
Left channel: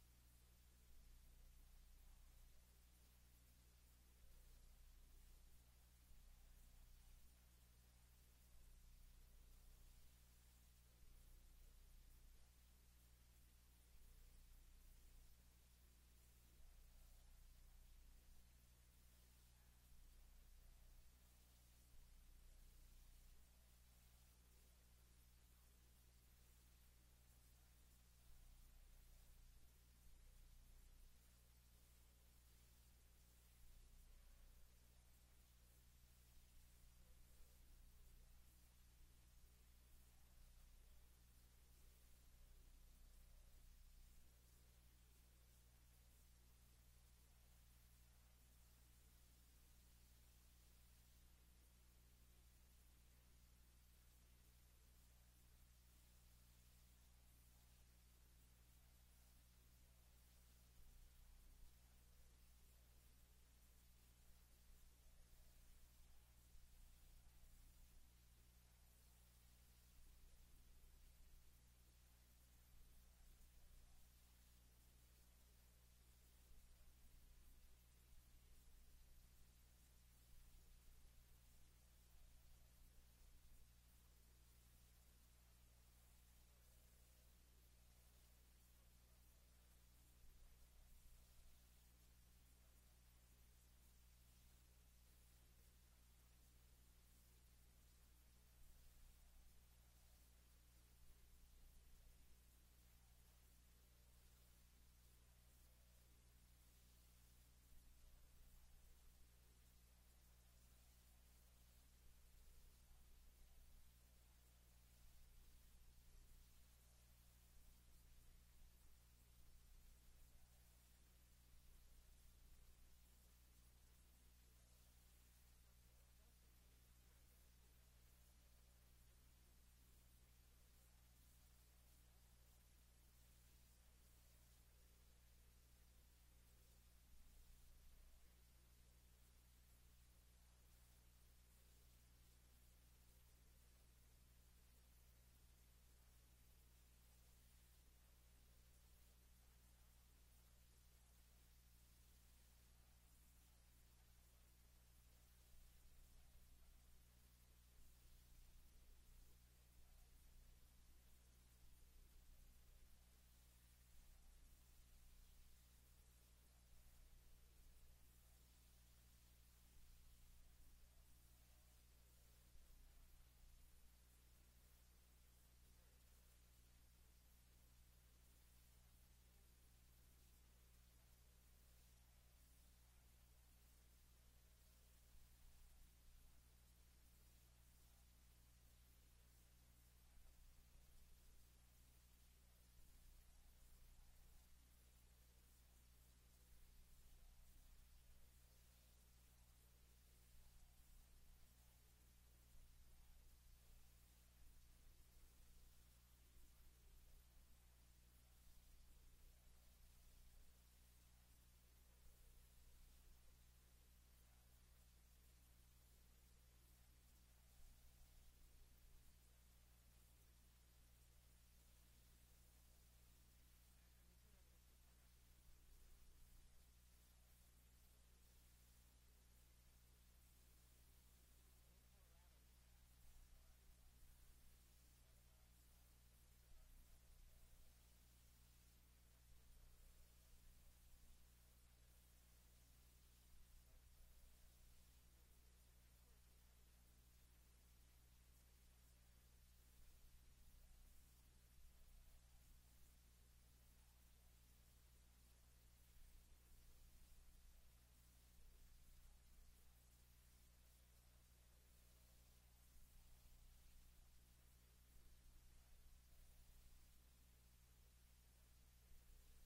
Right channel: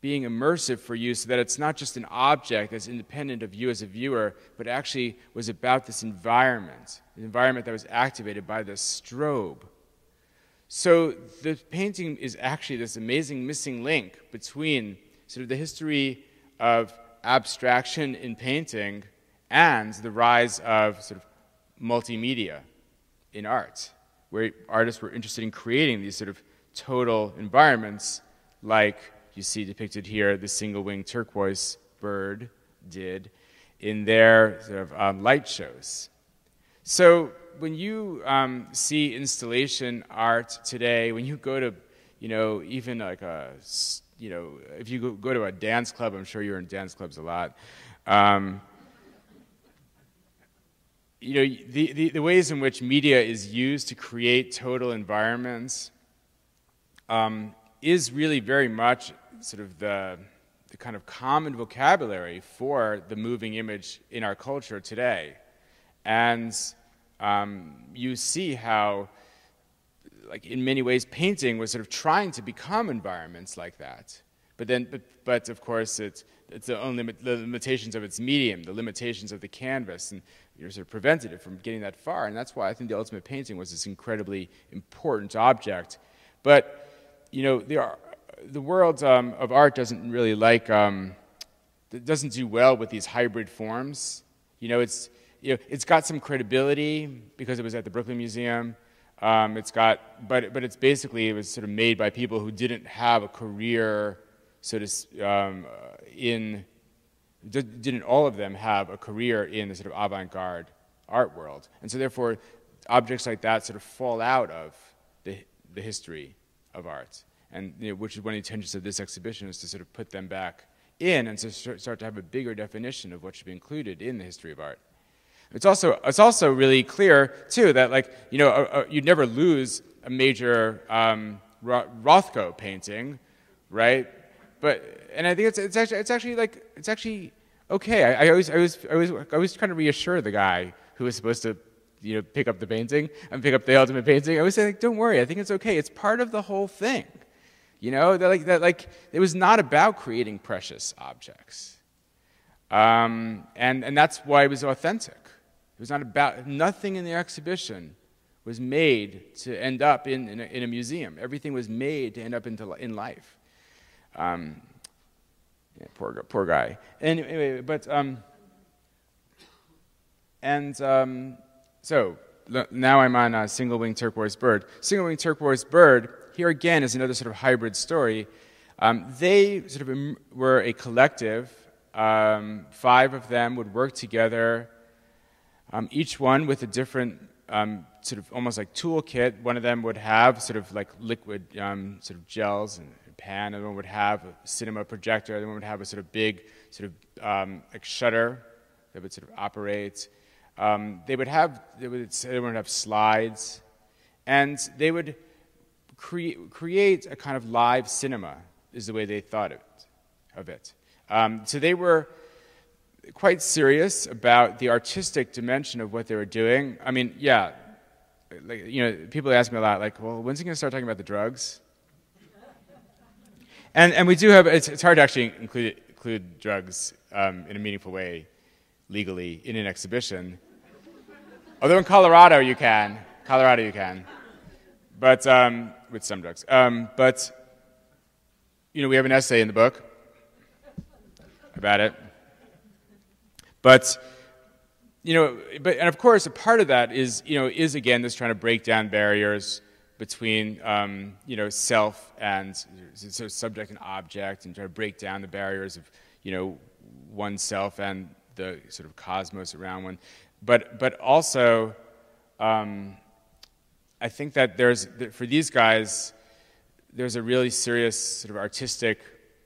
being immersive for you, so that it's not just an object that's independent of you as a viewer, but actually was about this environment, an environment that was activated by the strobe. So the painting is actually this amazing missing link between sort of the history of abstraction in painting and the rise of sort of multimedia in art, where artists were interested in creating these sort of total environments, like you see depicted here, the single-winged turquoise bird did in their sort of light shows. So when you see installation art today, when you go to, you know, even like a, you know, if you go to a dance club, I'm sure you're in dance clubs a lot, you know, the ways in which media is used to create total environments is really very much sort of the kind of common vocabulary for the moving image in our culture today. And you see how, like, in many ways, painting was sort of trying to become environments like that. But of course, it's the limitations of its medium, the limitations of the canvas, and you're sort of prevented it from getting that far. And that's why I think the ultimate painting was this incredibly important object. But you know, the world of art doesn't really like, it doesn't do well with these hybrid forms. You know, it's got some credibility because it was at the Brooklyn Museum. But it's basically, it was sort of made by people who didn't have a career, didn't all of them have a career in the sort of avant-garde art world. And so therefore, objects like that sort of fall out of the history of art. And which is one of the intentions of this exhibition, is to sort of put them back in and to start to have a bigger definition of what should be included in the history of art. It's also really clear too that, like, you'd never lose a major Rothko painting, right? And I think it's actually okay. I always trying to reassure the guy who was supposed to pick up the painting and pick up the ultimate painting. I always say, like, don't worry, I think it's okay. It's part of the whole thing. That it was not about creating precious objects, and that's why it was authentic. It was not about, nothing in the exhibition was made to end up in a museum. Everything was made to end up in life. Poor guy. Anyway, so now I'm on Single-Winged Turquoise Bird. Single-Winged Turquoise Bird, here again, is another sort of hybrid story. They sort of were a collective. 5 of them would work together, each one with a different sort of almost like toolkit. One of them would have sort of like liquid sort of gels and a pan. Another one would have a cinema projector. Another one would have a sort of big sort of like shutter that would sort of operate. They would have slides, and they would create a kind of live cinema, is the way they thought of it. So they were quite serious about the artistic dimension of what they were doing. I mean, yeah, people ask me a lot, like, well, when's he going to start talking about the drugs? And we do have, it's hard to actually include drugs in a meaningful way legally in an exhibition. Although in Colorado you can. But, with some drugs. But, we have an essay in the book about it. But, and of course, a part of that is again, this trying to break down barriers between, self and so subject and object, and try to break down the barriers of, oneself and the sort of cosmos around one. But also, I think that for these guys, there's a really serious sort of artistic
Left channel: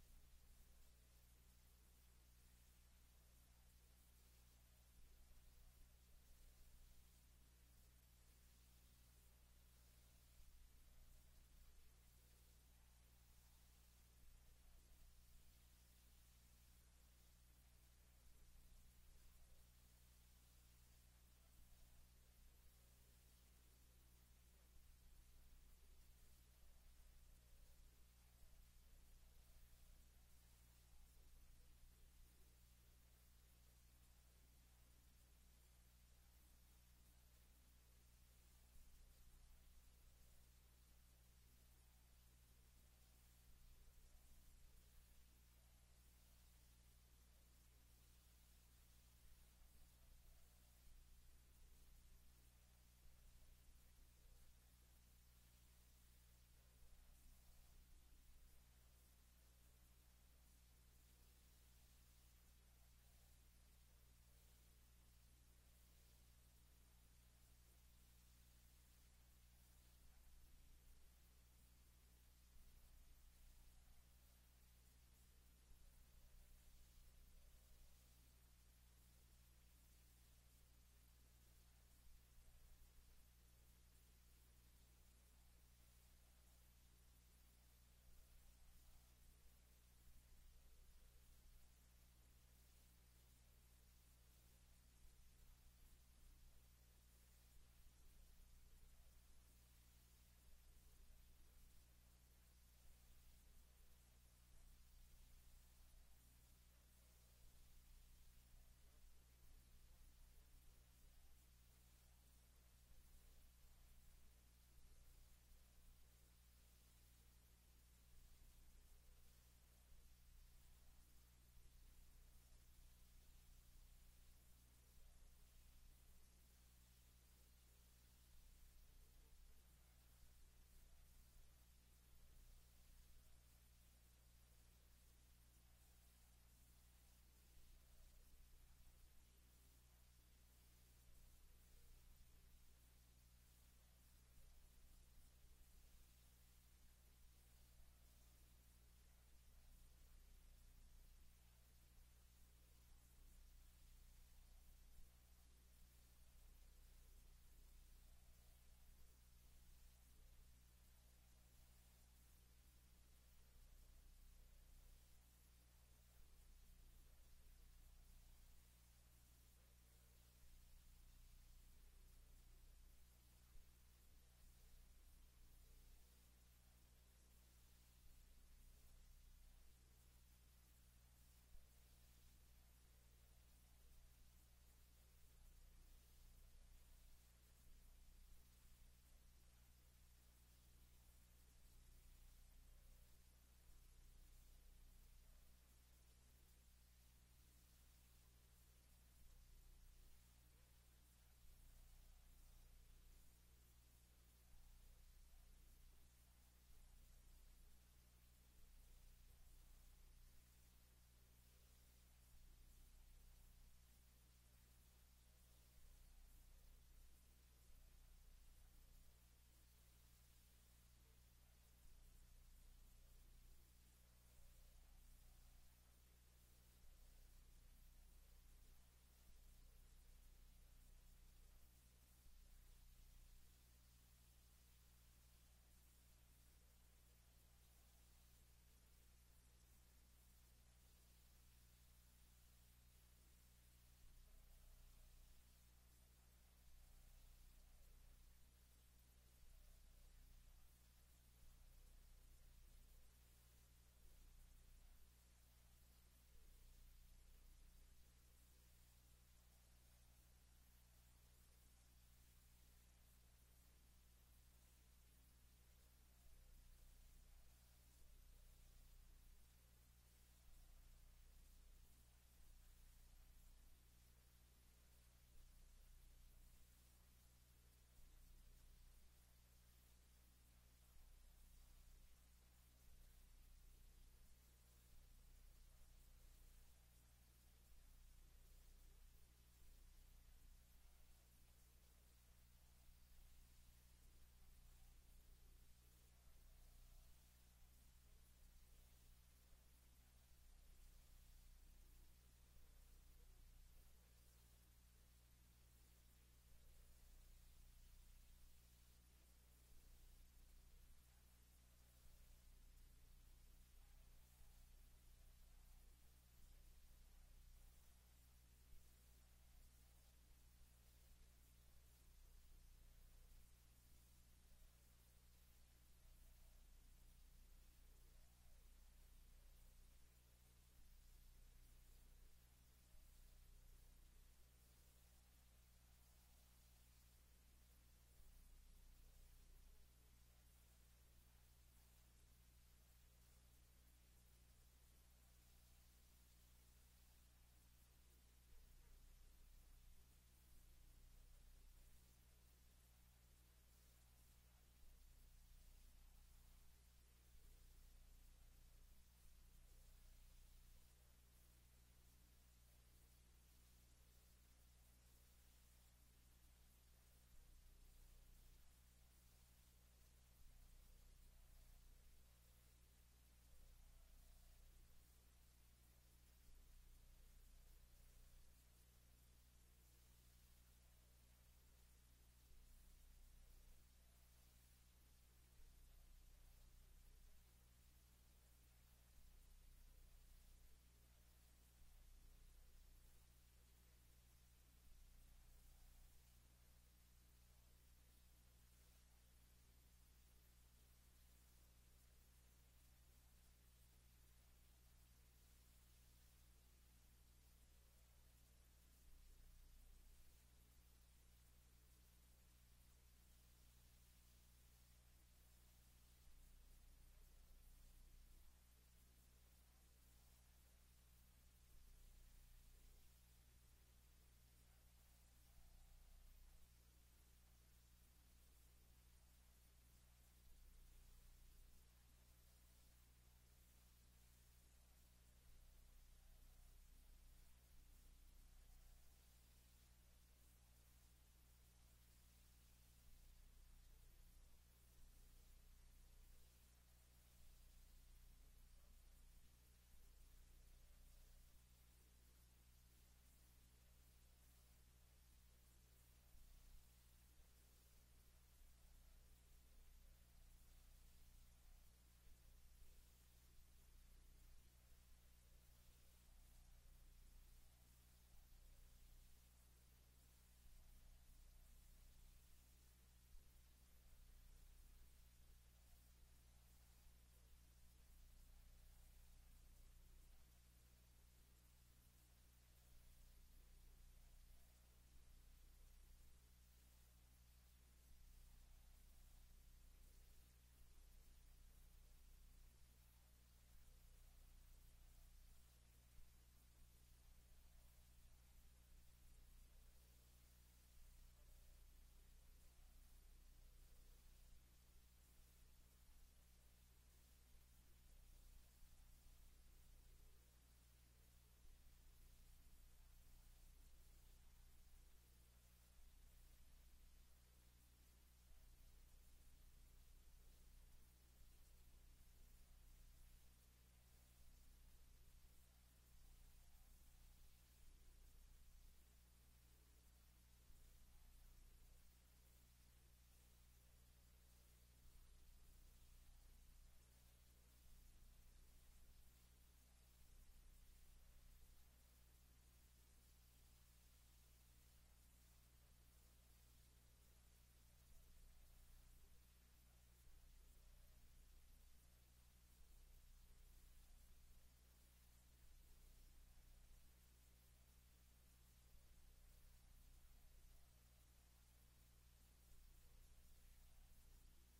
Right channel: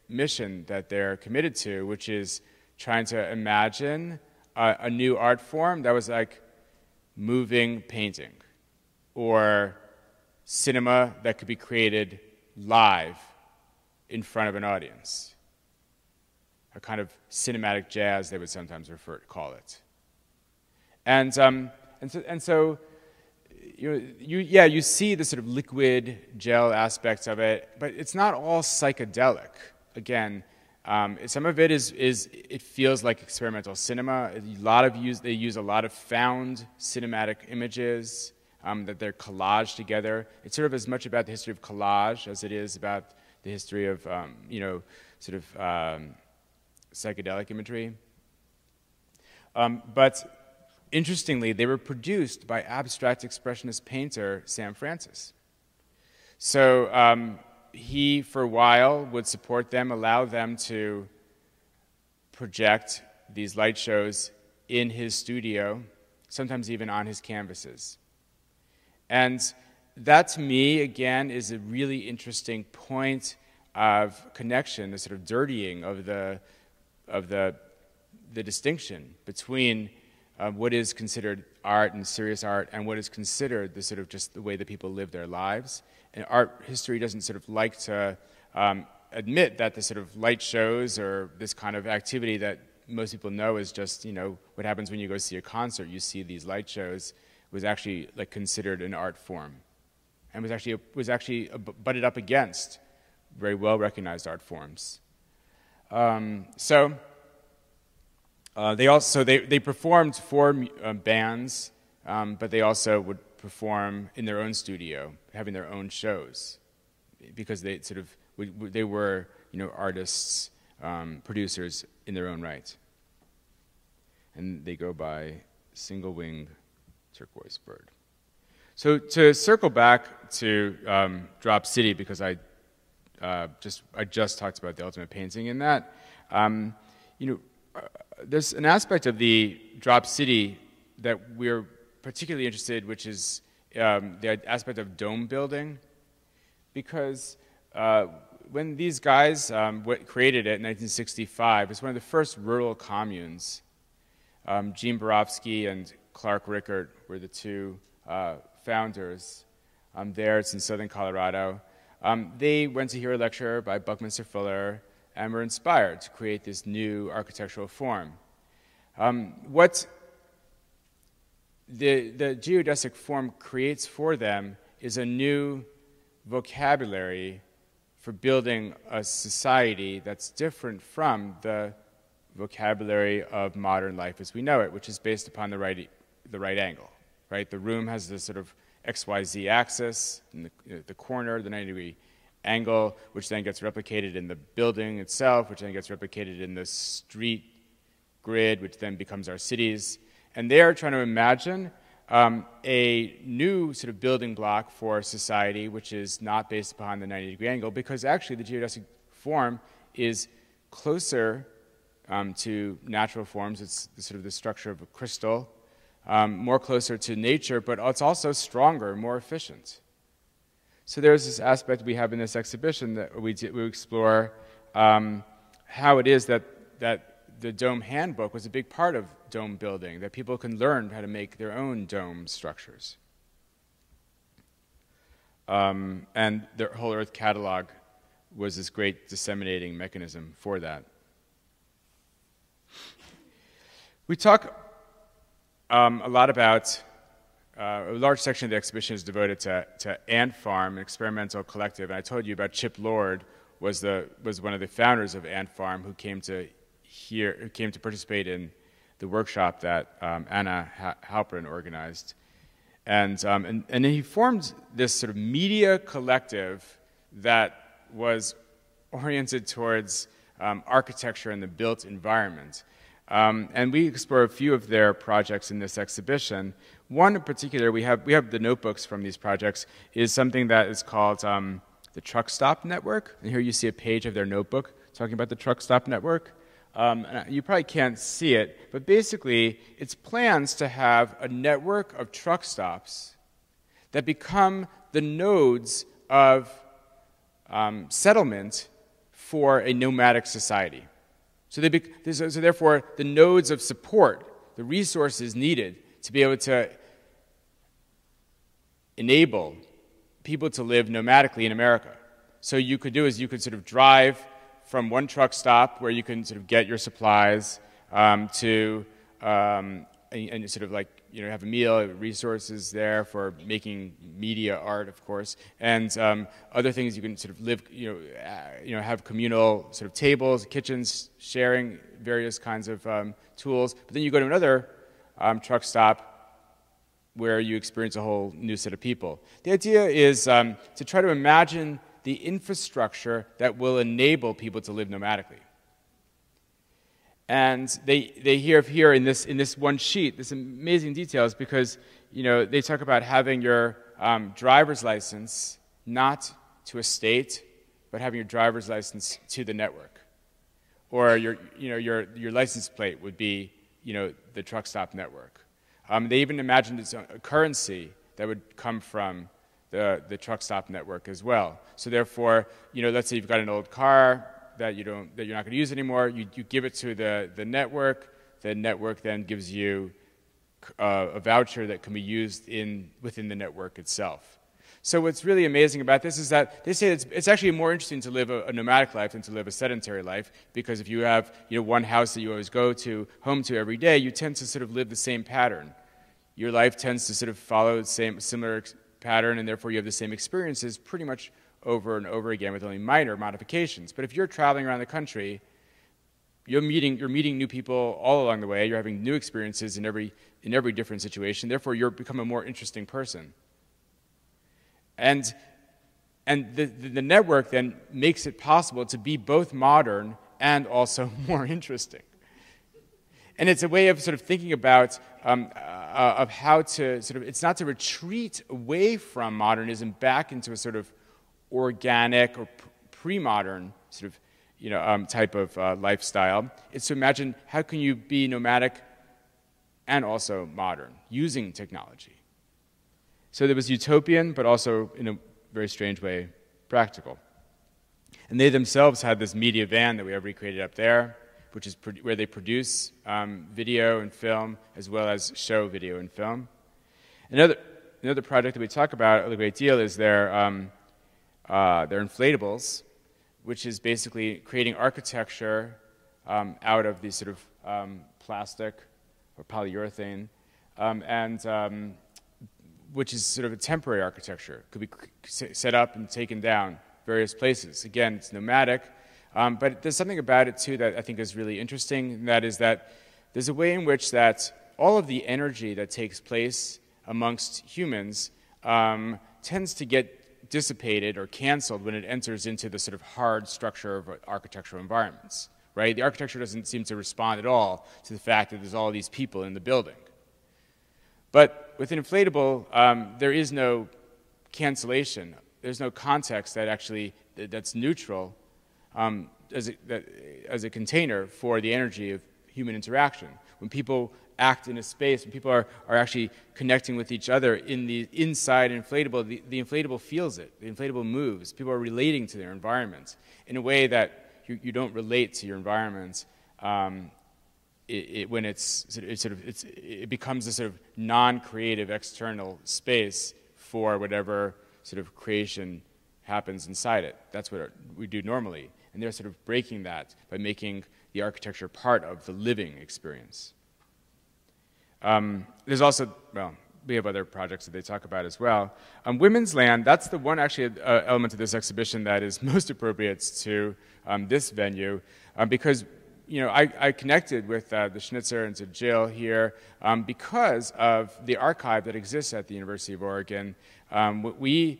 mission that they're committed to, which is trying to imagine a new art form that was like moving painting, or cinema that could be created live in front of an audience. A kind of cinematic jazz, they would sometimes call it. And so you see the sort of liquid gel aspects of it, but it's not all psychedelic. Again, some of it it feels like experimental cinema. They use a lot of found cinematic images that they're collaged together. It's sort of as much about the history of collage as it is about the history of psychedelic imagery. But interestingly, they were produced by abstract expressionist painter Sam Francis. So he, for a while, would support them, allow them to project these light shows in his studio, sometimes even on his canvases. And that, to me, again, is a really interesting point of connection, the sort of dirtying of the distinction between what is considered art and serious art, and what is considered the sort of just the way that people live their lives. And art history doesn't sort of like to admit that the sort of light shows or this kind of activity that most people know is just, what happens when you go see a concert. You see these light shows, was actually like considered an art form, and was actually butted up against very well recognized art forms. They performed for bands, but they also would perform in their own studio, having their own shows, because they sort of they were artists, producers in their own right, and they go by Single-Winged Turquoise Bird. So to circle back to Drop City, because I just talked about the ultimate painting in that, there's an aspect of the Drop City that we're particularly interested in, which is the aspect of dome building, because when these guys created it in 1965, it's one of the first rural communes. Gene Borofsky and Clark Rickert were the two founders there. It's in southern Colorado. They went to hear a lecture by Buckminster Fuller and were inspired to create this new architectural form. What the geodesic form creates for them is a new vocabulary for building a society that's different from the vocabulary of modern life as we know it, which is based upon the right angle, right? The room has this sort of XYZ axis in the corner, the 90-degree angle, which then gets replicated in the building itself, which then gets replicated in the street grid, which then becomes our cities. And they are trying to imagine a new sort of building block for society, which is not based upon the 90-degree angle, because actually the geodesic form is closer to natural forms. It's sort of the structure of a crystal, more closer to nature, but it's also stronger, more efficient. So there's this aspect we have in this exhibition that we explore how it is that the dome handbook was a big part of dome building, that people can learn how to make their own dome structures. And the whole Earth catalog was this great disseminating mechanism for that. We talk a lot about, a large section of the exhibition is devoted to Ant Farm, an experimental collective. And I told you about Chip Lord was one of the founders of Ant Farm, who came to participate in the workshop that Anna Halprin organized. And then he formed this sort of media collective that was oriented towards architecture and the built environment. And we explore a few of their projects in this exhibition. One in particular, we have the notebooks from these projects, is something that is called the Truck Stop Network. And here you see a page of their notebook talking about the Truck Stop Network. You probably can't see it, but basically it's plans to have a network of truck stops that become the nodes of settlement for a nomadic society. So therefore, the nodes of support, the resources needed to be able to enable people to live nomadically in America. So you could sort of drive from one truck stop where you can sort of get your supplies and sort of like, have a meal, resources there for making media art, of course, and other things you can sort of live, have communal sort of tables, kitchens, sharing various kinds of tools. But then you go to another truck stop where you experience a whole new set of people. The idea is to try to imagine the infrastructure that will enable people to live nomadically. And they have here in this one sheet this amazing details, because they talk about having your driver's license not to a state, but having your driver's license to the network, or your license plate would be the truck stop network. They even imagined a currency that would come from the truck stop network as well. So therefore, let's say you've got an old car that you're not going to use anymore. You give it to the network. The network then gives you a voucher that can be used within the network itself. So what's really amazing about this is that they say it's actually more interesting to live a nomadic life than to live a sedentary life, because if you have one house that you always go home to every day, you tend to sort of live the same pattern. Your life tends to sort of follow the similar pattern, and therefore you have the same experiences pretty much over and over again with only minor modifications. But if you're traveling around the country, you're meeting new people all along the way. You're having new experiences in every different situation. Therefore, you become a more interesting person. And the network then makes it possible to be both modern and also more interesting. And it's a way of sort of thinking about of how to sort of, it's not to retreat away from modernism back into a sort of organic or pre-modern sort of, you know, type of lifestyle. It's to imagine how can you be nomadic and also modern using technology. So there was utopian, but also in a very strange way, practical. And they themselves had this media van that we have recreated up there, which is where they produce video and film, as well as show video and film. Another project that we talk about a great deal is their inflatables, which is basically creating architecture out of these sort of plastic or polyurethane, which is sort of a temporary architecture. Could be set up and taken down various places. Again, it's nomadic, but there's something about it too that I think is really interesting, and that is that there's a way in which that all of the energy that takes place amongst humans tends to get dissipated or canceled when it enters into the sort of hard structure of architectural environments, right? The architecture doesn't seem to respond at all to the fact that there's all these people in the building. But with an inflatable, there is no cancellation. There's no context that actually that's neutral as a container for the energy of human interaction. When people act in a space, when people are actually connecting with each other in the inside inflatable, the inflatable feels it. The inflatable moves. People are relating to their environment in a way that you don't relate to your environment when it becomes a sort of non-creative external space for whatever sort of creation happens inside it. That's what we do normally. And they're sort of breaking that by making the architecture part of the living experience. There's also, well, we have other projects that they talk about as well. Women's land, that's the one actually element of this exhibition that is most appropriate to this venue, because you know, I connected with the Schnitzer and to Jill here because of the archive that exists at the University of Oregon. We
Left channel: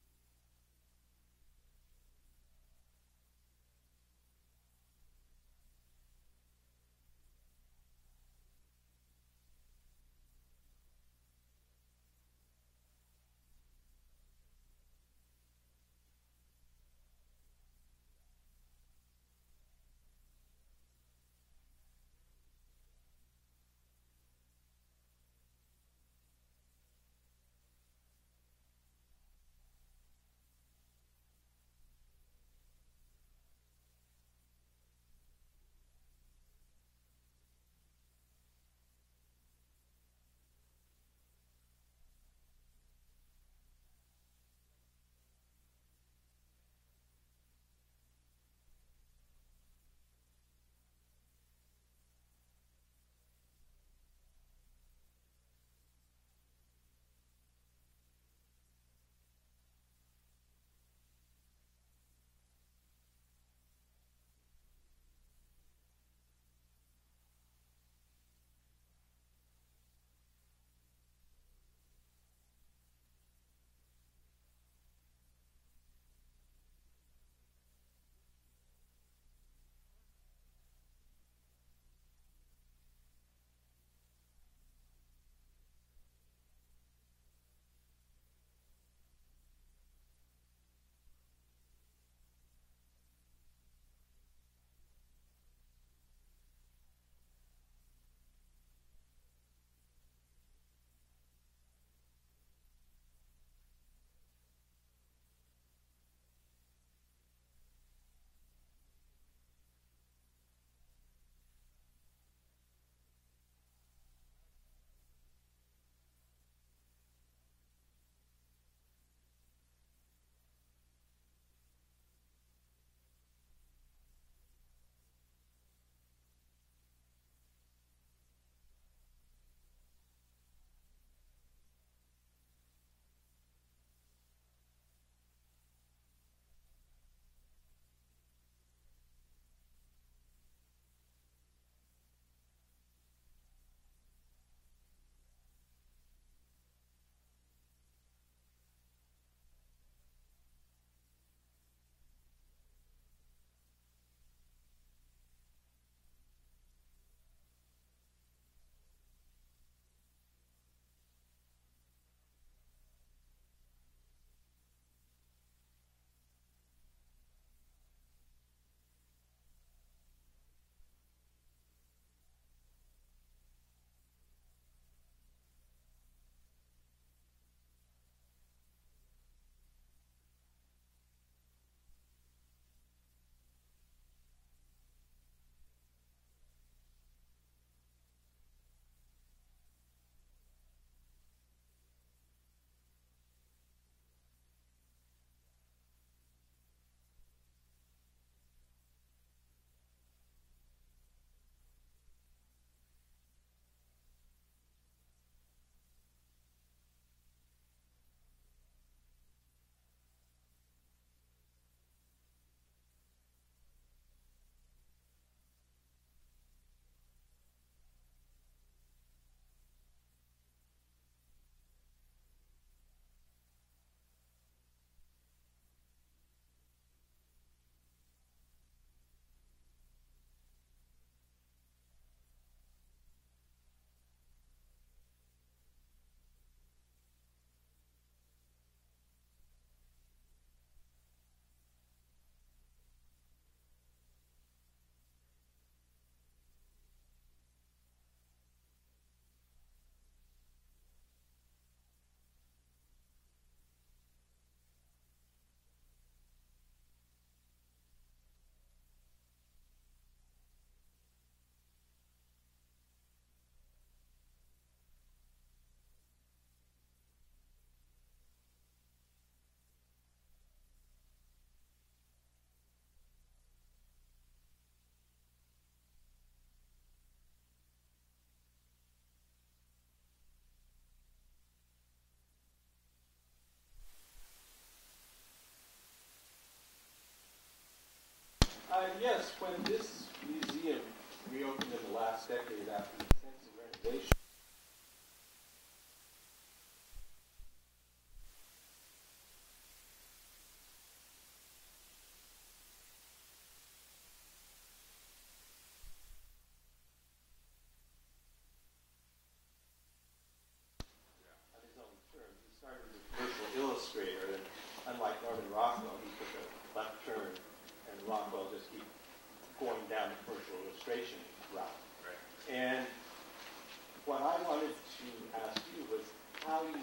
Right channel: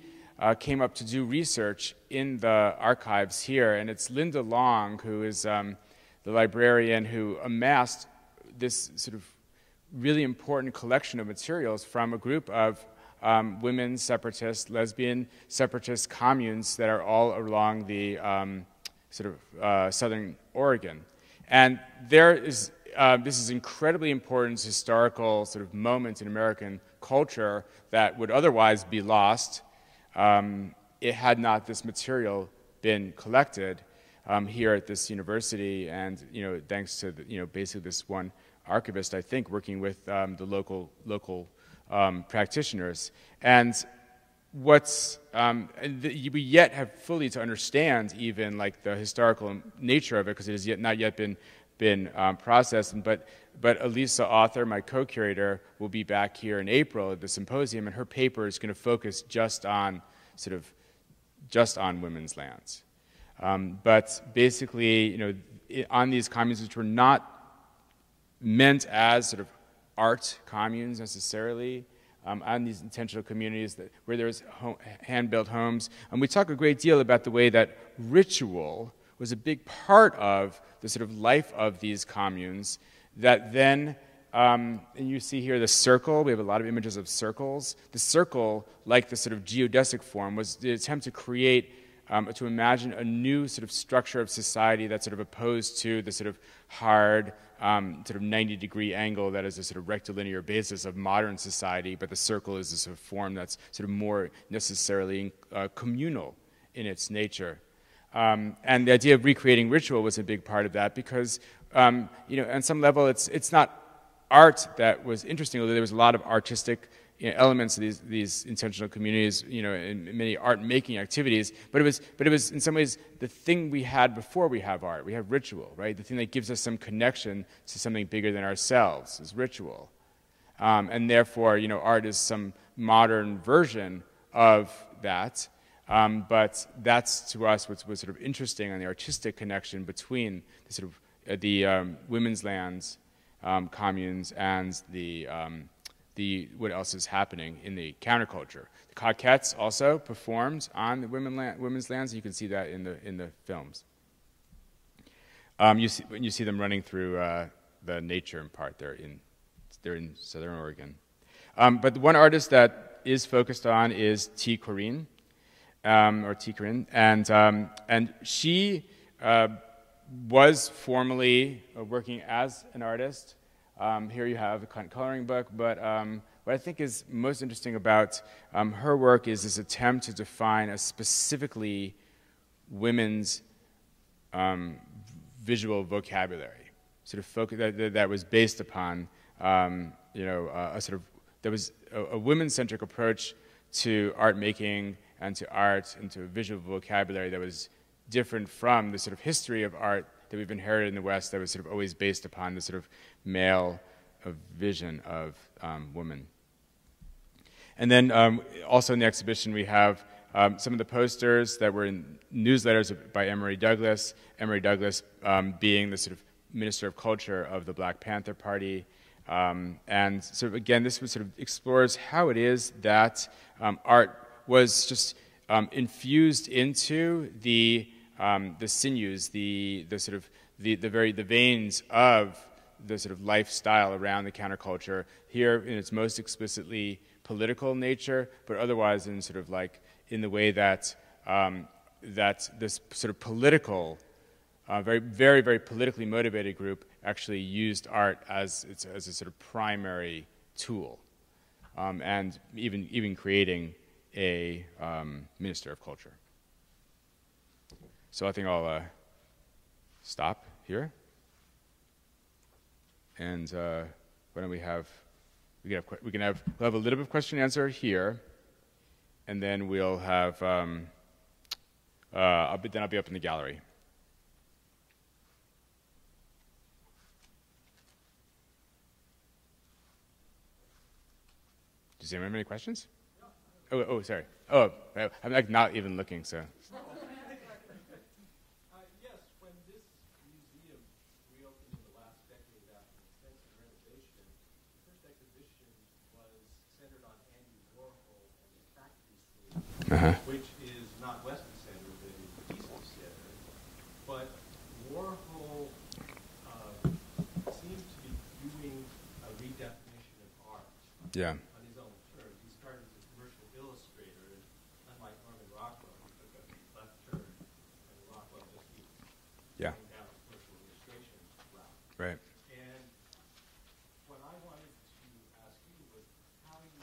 came up to do research in the archives here, and it's Linda Long, who is the librarian who amassed this sort of really important collection of materials from a group of women separatist, lesbian separatist communes that are all along the southern Oregon. And there is, this is incredibly important historical sort of moment in American culture that would otherwise be lost it had not this material been collected here at this university, and you know, thanks to basically this one archivist, I think, working with the local practitioners. And what's we yet have fully to understand even like the historical nature of it, because it has not yet been processed. But Elisa Author, my co-curator, will be back here in April at the symposium, and her paper is going to focus just on women's lands. But basically, on these communes, which were not meant as sort of art communes necessarily, on these intentional communities where there's hand-built homes. And we talk a great deal about the way that ritual was a big part of the sort of life of these communes, that then, and you see here the circle, we have a lot of images of circles. The circle, like the sort of geodesic form, was the attempt to create, to imagine a new sort of structure of society that's sort of opposed to the sort of hard, sort of 90-degree angle that is a sort of rectilinear basis of modern society, but the circle is a sort of form that's sort of more necessarily communal in its nature. And the idea of recreating ritual was a big part of that because, on some level, it's not art that was interesting, although there was a lot of artistic elements of these intentional communities, in many art-making activities. But it was in some ways the thing we had before we have art. We have ritual, right? The thing that gives us some connection to something bigger than ourselves is ritual, and therefore, art is some modern version of that. But that's to us what was sort of interesting on the artistic connection between the sort of the women's lands communes and the what else is happening in the counterculture. The Coquettes also performed on the women's lands. You can see that in the films. You see them running through the nature in part. They're in Southern Oregon. But the one artist that is focused on is T. Corinne, or T. Corinne, and she was formerly working as an artist. Here you have a coloring book, but what I think is most interesting about her work is this attempt to define a specifically women's visual vocabulary, sort of focus that was based upon there was a women-centric approach to art making and to art and to a visual vocabulary that was different from the sort of history of art that we've inherited in the West that was sort of always based upon the sort of male vision of women. And then also in the exhibition we have some of the posters that were in newsletters by Emory Douglas being the sort of Minister of Culture of the Black Panther Party. And sort of again, this sort of explores how it is that art was just infused into the sinews, the veins of the sort of lifestyle around the counterculture. Here, in its most explicitly political nature, but otherwise in sort of like in the way that that this sort of political, very politically motivated group actually used art as a sort of primary tool, and even creating a Minister of Culture. So I think I'll stop here, and why don't we'll have a little bit of question and answer here, and then we'll have I'll be up in the gallery. Does anyone have any questions? Oh, sorry. Oh, I'm like not even looking, so. Yes, when this museum reopened in the last decade after extensive renovation, the first exhibition was centered on Andy Warhol and the factory scene, which is not Western Center, but is Eastern Center. But Warhol seemed to be doing a redefinition of art. Yeah. On his own terms. He started as a commercial illustrator, and unlike Norman Rockwell, he took a left turn, and Rockwell just keep going down the commercial illustration route. Right. And what I wanted to ask you was how you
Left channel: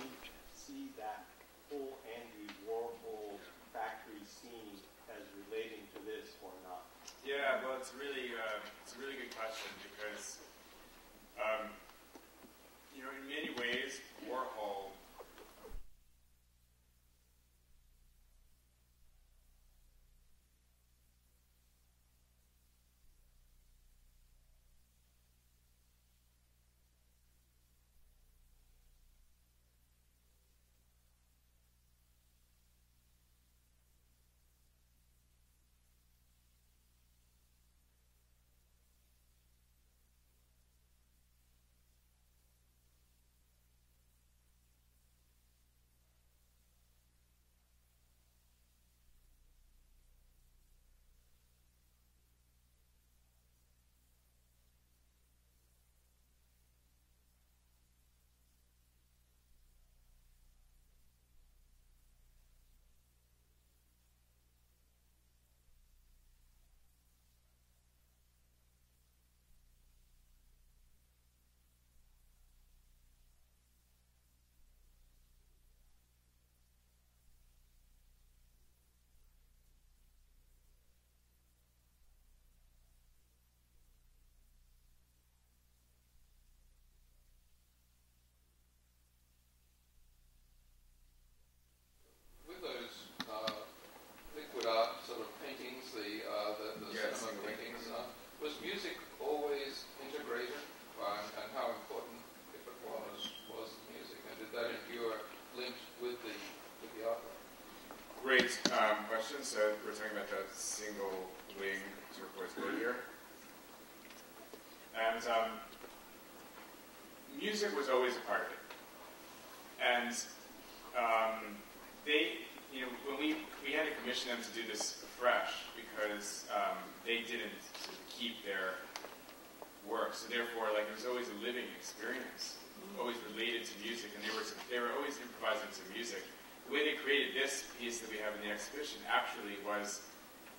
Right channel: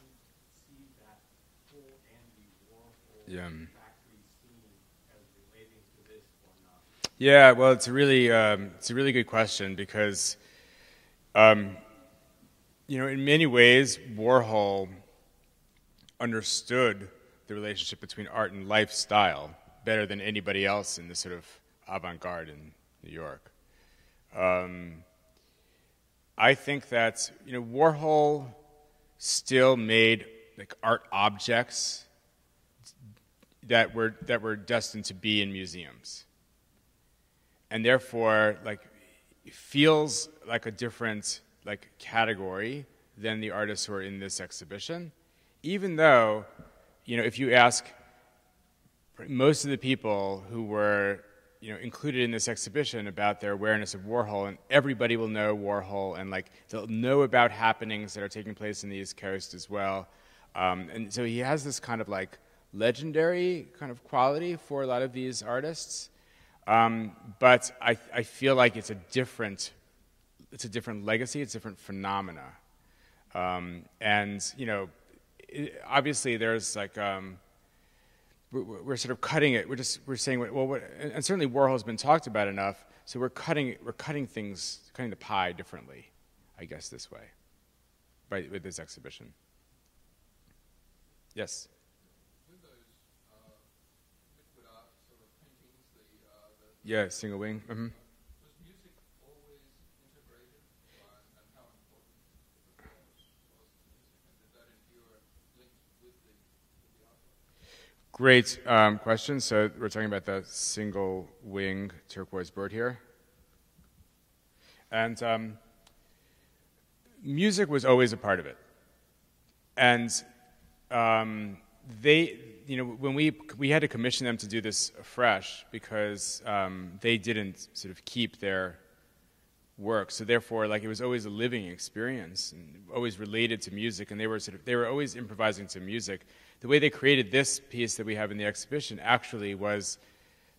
see that whole Andy Warhol factory scene as relating to this or not. Yeah, well, it's a really good question because, in many ways, Warhol understood the relationship between art and lifestyle better than anybody else in the sort of avant-garde in New York. I think that Warhol still made like art objects that were destined to be in museums, and therefore like feels like a different like category than the artists who are in this exhibition, even though if you ask most of the people who were included in this exhibition about their awareness of Warhol, and everybody will know Warhol, and like they'll know about happenings that are taking place in the East Coast as well. And so he has this kind of like legendary kind of quality for a lot of these artists. But I feel like it's a different legacy, it's a different phenomena. And obviously there's like we're sort of cutting it. We're saying, well, and certainly Warhol's been talked about enough, so we're cutting the pie differently, I guess, this way, right, with this exhibition. Yes. With those liquid art sort of paintings, the single wing. Was music always integrated, and how important, if it was music, and did that endure linked with the artwork? Great question. So we're talking about the single wing turquoise bird here. And music was always a part of it. And they, when we had to commission them to do this afresh because they didn't sort of keep their work. So therefore, like, it was always a living experience, and always related to music, and they were always improvising to music. The way they created this piece that we have in the exhibition actually was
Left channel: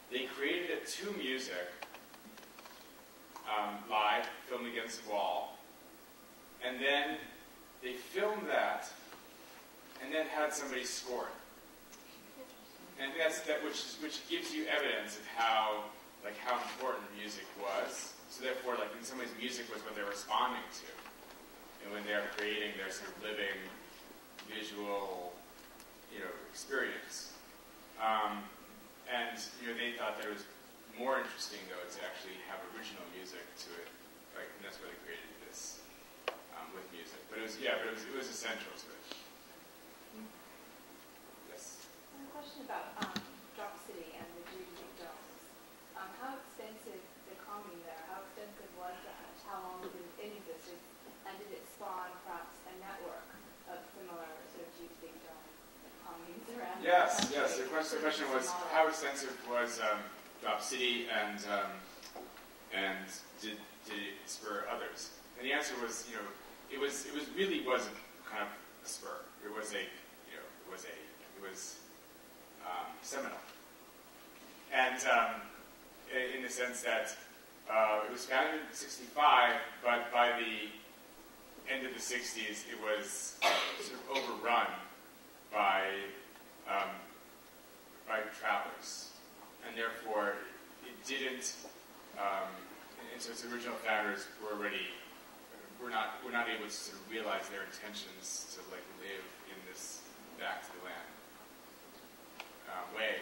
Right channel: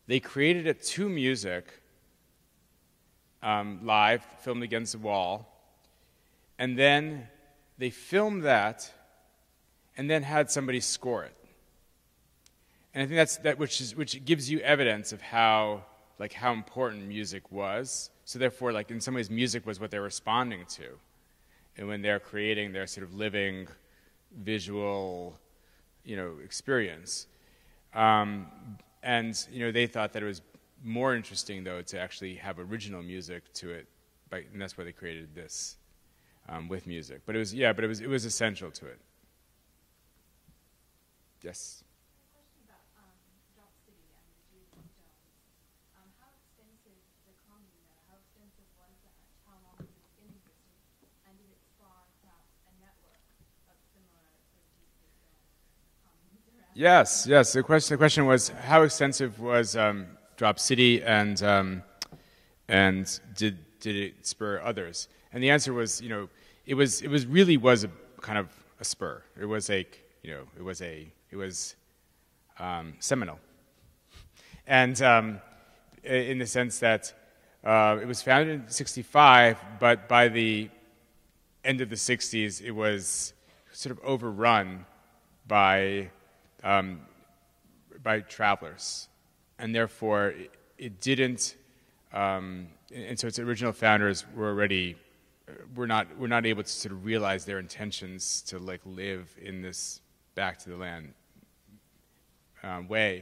they created it to music, live, filmed against a wall, and then they filmed that, and then had somebody score it. And I think which gives you evidence of how important music was. So therefore, like, in some ways, music was what they're responding to, and when they're creating their sort of living, visual, experience. And they thought that it was more interesting, though, to actually have original music to it, and that's why they created this with music. But it was essential to it. Yes. A question about Drop City and the Geodesic domes. How extensive the commune there? How extensive was that? How long did it exist? And did it spawn perhaps a network of similar sort of geodesic dome communes around? Yes. The question was, how extensive was Drop City, and did it spur others? And the answer was, it was a kind of a spur. It was seminal, and in the sense that it was founded in '65, but by the end of the '60s, it was sort of overrun by travelers, and therefore it didn't. And so its original founders were not able to sort of realize their intentions to, like, live in this back to the land way,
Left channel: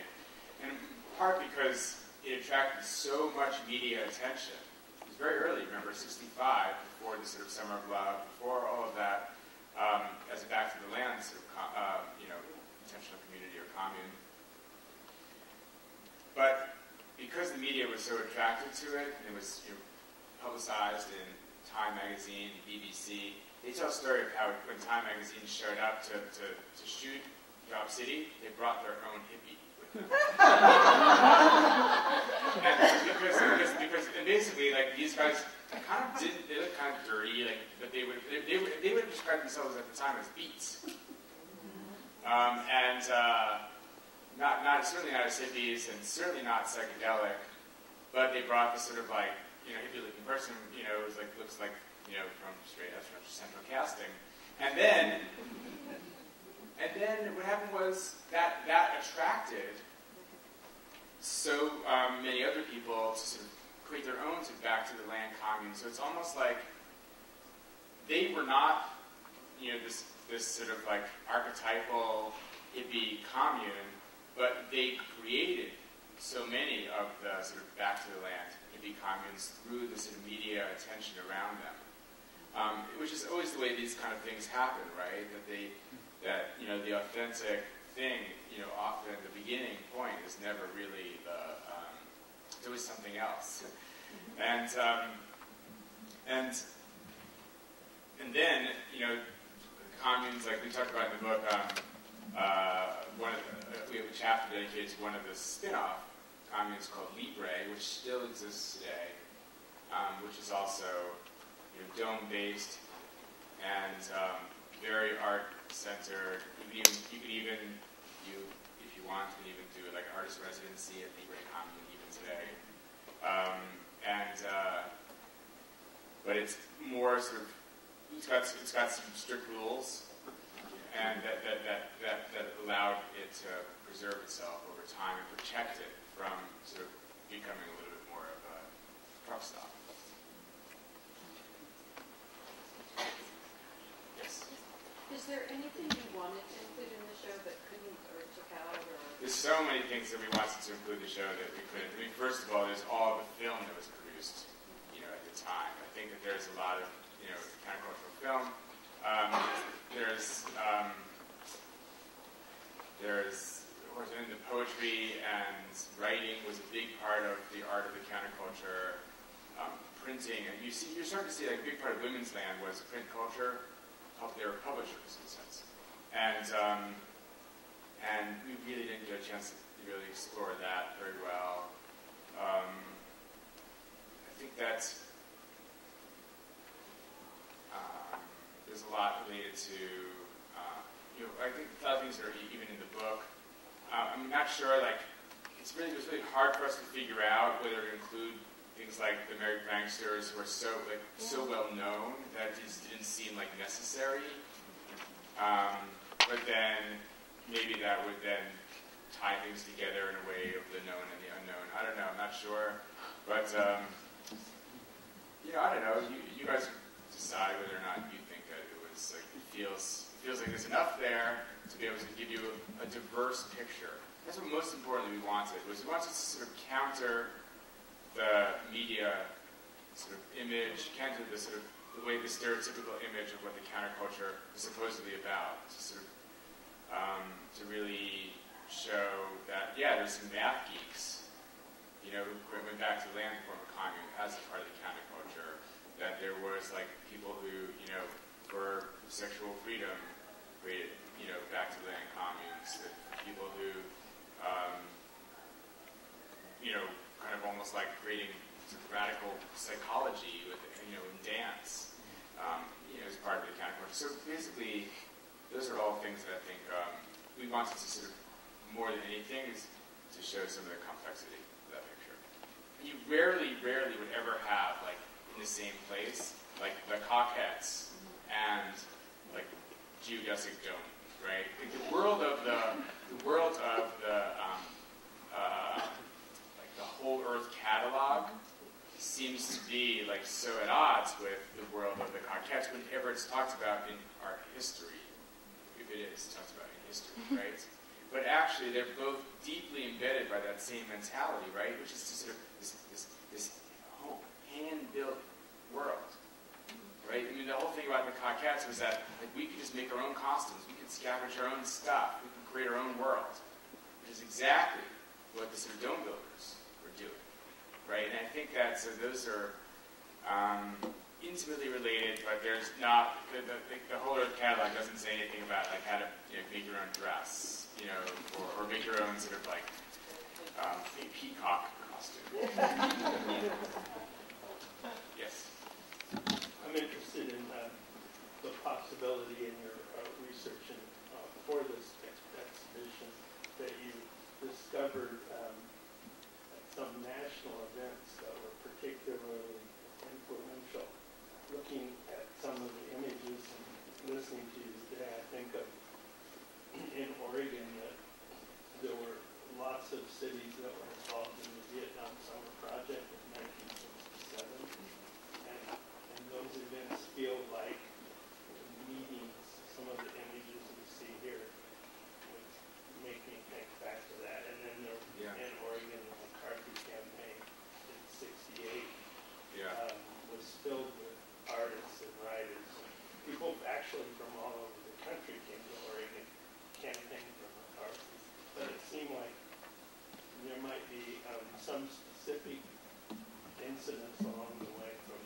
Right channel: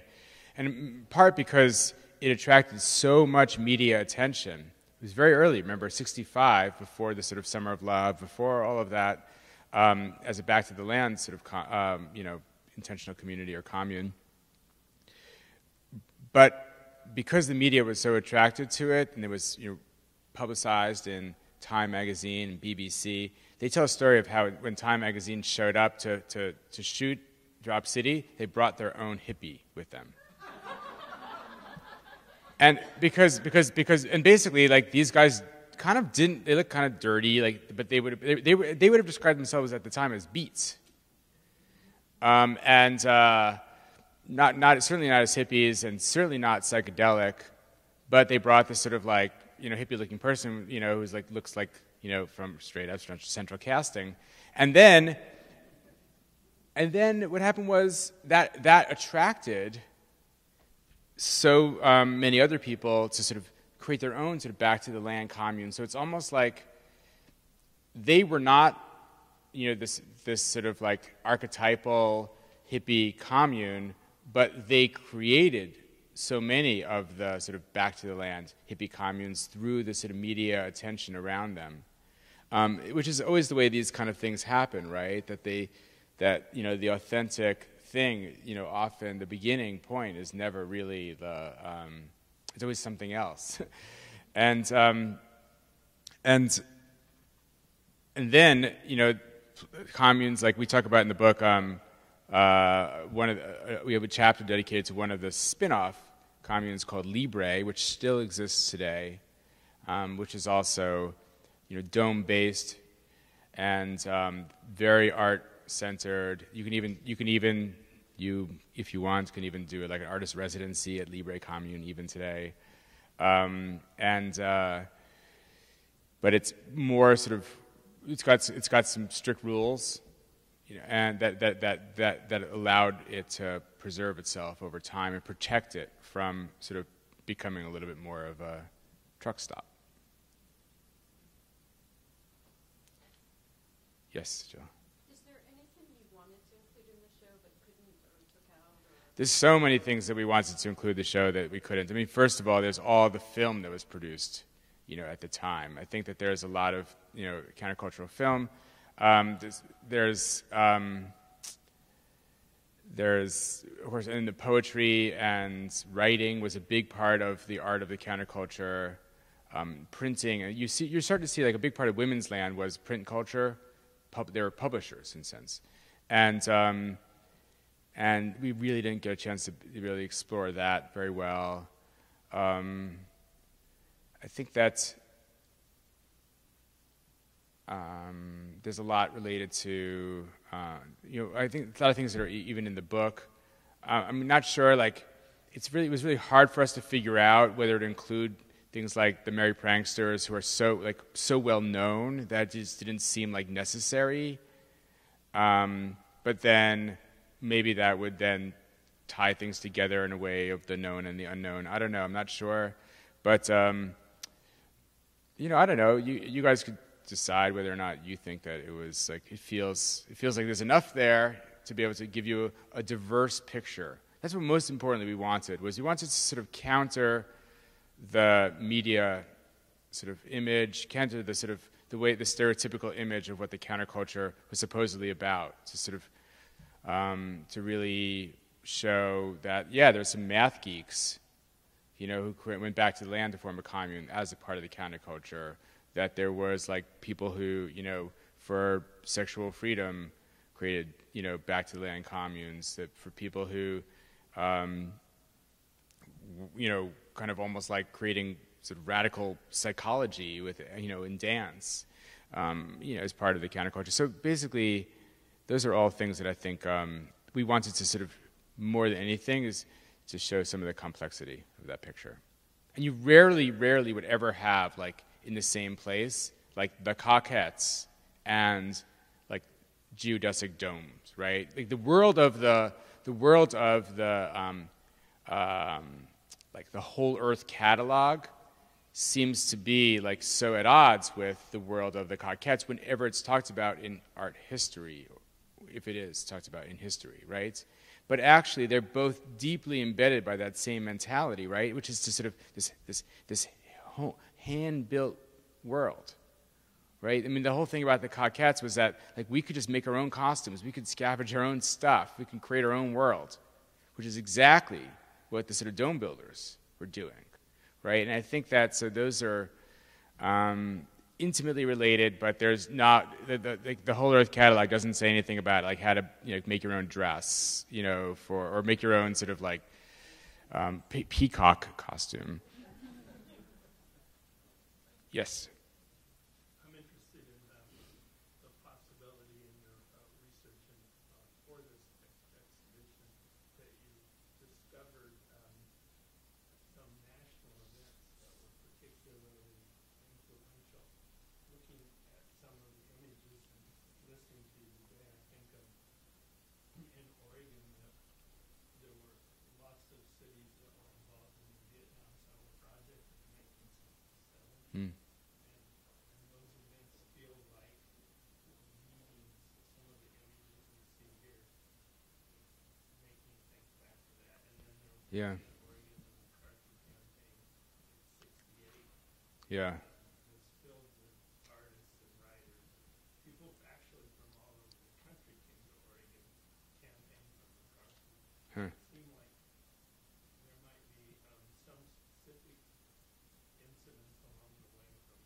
and in part because it attracted so much media attention. It was very early. Remember, '65, before the sort of Summer of Love, before all of that, as a back to the land sort of intentional community or commune. But because the media was so attracted to it, and it was publicized in Time magazine, BBC, they tell a story of how when Time magazine showed up to shoot Drop City, they brought their own hippie with them. And because basically, like, these guys kind of they looked kind of dirty, like, but they would have described themselves at the time as beats. Not certainly not as hippies, and certainly not psychedelic, but they brought this sort of, like, hippie-looking person, who's like, looks like, from straight up central casting, and then what happened was that attracted so many other people to sort of create their own sort of back to the land commune. So it's almost like they were not, this sort of, like, archetypal hippie commune, but they created so many of the sort of back to the land hippie communes through the sort of media attention around them, which is always the way these kind of things happen, right? That the authentic thing, often the beginning point is never really it's always something else, and then communes, like we talk about in the book. We have a chapter dedicated to one of the spin-off communes called Libre, which still exists today, which is also, dome-based and very art-centered. You can even, if you want, can even do like an artist residency at Libre Commune even today, but it's more sort of, it's got some strict rules. And that allowed it to preserve itself over time and protect it from sort of becoming a little bit more of a truck stop. Yes? Is there anything you wanted to include in the show that couldn't, or took out? There's so many things that we wanted to include in the show that we couldn't. I mean, first of all, there's all the film that was produced, at the time. I think that there's a lot of, countercultural film. There's of course, and the poetry and writing was a big part of the art of the counterculture. Printing, and you're starting to see, like, a big part of women's land was print culture. They were publishers in a sense, and we really didn't get a chance to really explore that very well. I think that There's a lot related to, I think a lot of things that are even in the book. I'm not sure, like, it was really hard for us to figure out whether to include things like the Merry Pranksters, who are so well known that it just didn't seem like necessary. But then maybe that would then tie things together in a way of the known and the unknown. I don't know. I'm not sure. But, I don't know. You guys could decide whether or not you think that it was like, it feels like there's enough there to be able to give you a diverse picture. That's what most importantly we wanted to sort of counter the media sort of image, counter the sort of the stereotypical image of what the counterculture was supposedly about, to sort of to really show that, yeah, there's some math geeks, who went back to the land to form a commune as a part of the counterculture, that there was like people who, for sexual freedom created, back to the land communes, that for people who, kind of almost like creating sort of radical psychology with, in dance, as part of the counterculture. So basically, those are all things that I think we wanted to sort of, more than anything, is to show some of the complexity of that picture. And you rarely would ever have, like, in the same place, like the Coquettes and like geodesic domes, right? Like the world of the like the whole Earth catalog seems to be like so at odds with the world of the Coquettes whenever it's talked about in art history, if it is talked about in history, right? But actually, they're both deeply embedded by that same mentality, right? Which is to sort of this hand-built world, right? I mean, the whole thing about the Coquettes was that, like, we could just make our own costumes, we could scavenge our own stuff, we can create our own world, which is exactly what the sort of dome builders were doing, right? And I think that, so those are intimately related, but there's not, the whole Earth catalog doesn't say anything about, like, how to, make your own dress, or make your own sort of, like, peacock costume. Yes? I'm interested in the possibility in your research and for this exhibition that you discovered some national events that were particularly influential. Looking at some of the images and listening to you today, I think of in Oregon that there were lots of cities that were involved in the Vietnam Summer Project in 1967. And those events feel like meeting some of the images we see here would make me think back to that. And then there, in Oregon, the McCarthy campaign in '68 was filled with artists and writers. People actually from all over the country came to Oregon, campaigned for McCarthy. But it seemed like there might be some specific incidents along the way from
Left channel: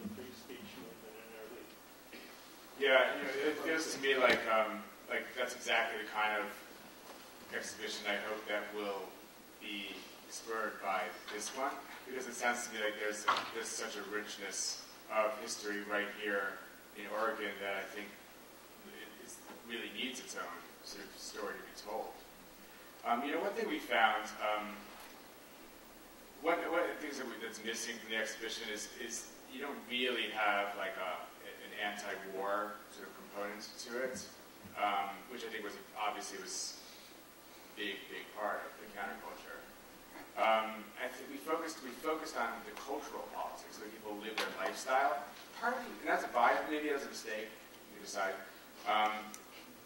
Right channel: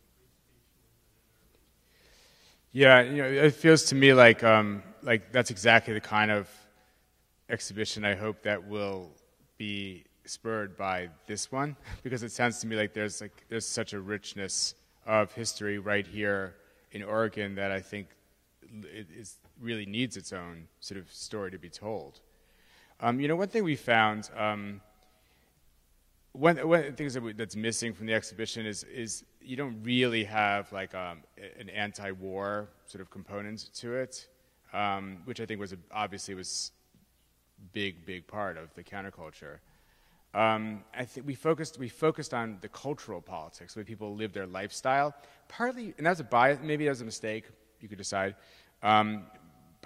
the free speech movement in early. Yeah, it feels to me like that's exactly the kind of exhibition I hope that will be spurred by this one, because it sounds to me like there's such a richness of history right here in Oregon that I think it really needs its own sort of story to be told. One thing we found, one of the things that's missing from the exhibition is you don't really have like an anti-war sort of component to it, which I think was obviously was big part of the counterculture. I think we focused on the cultural politics, the people live their lifestyle. Partly, and that's a bias. Maybe that was a mistake. You could decide. But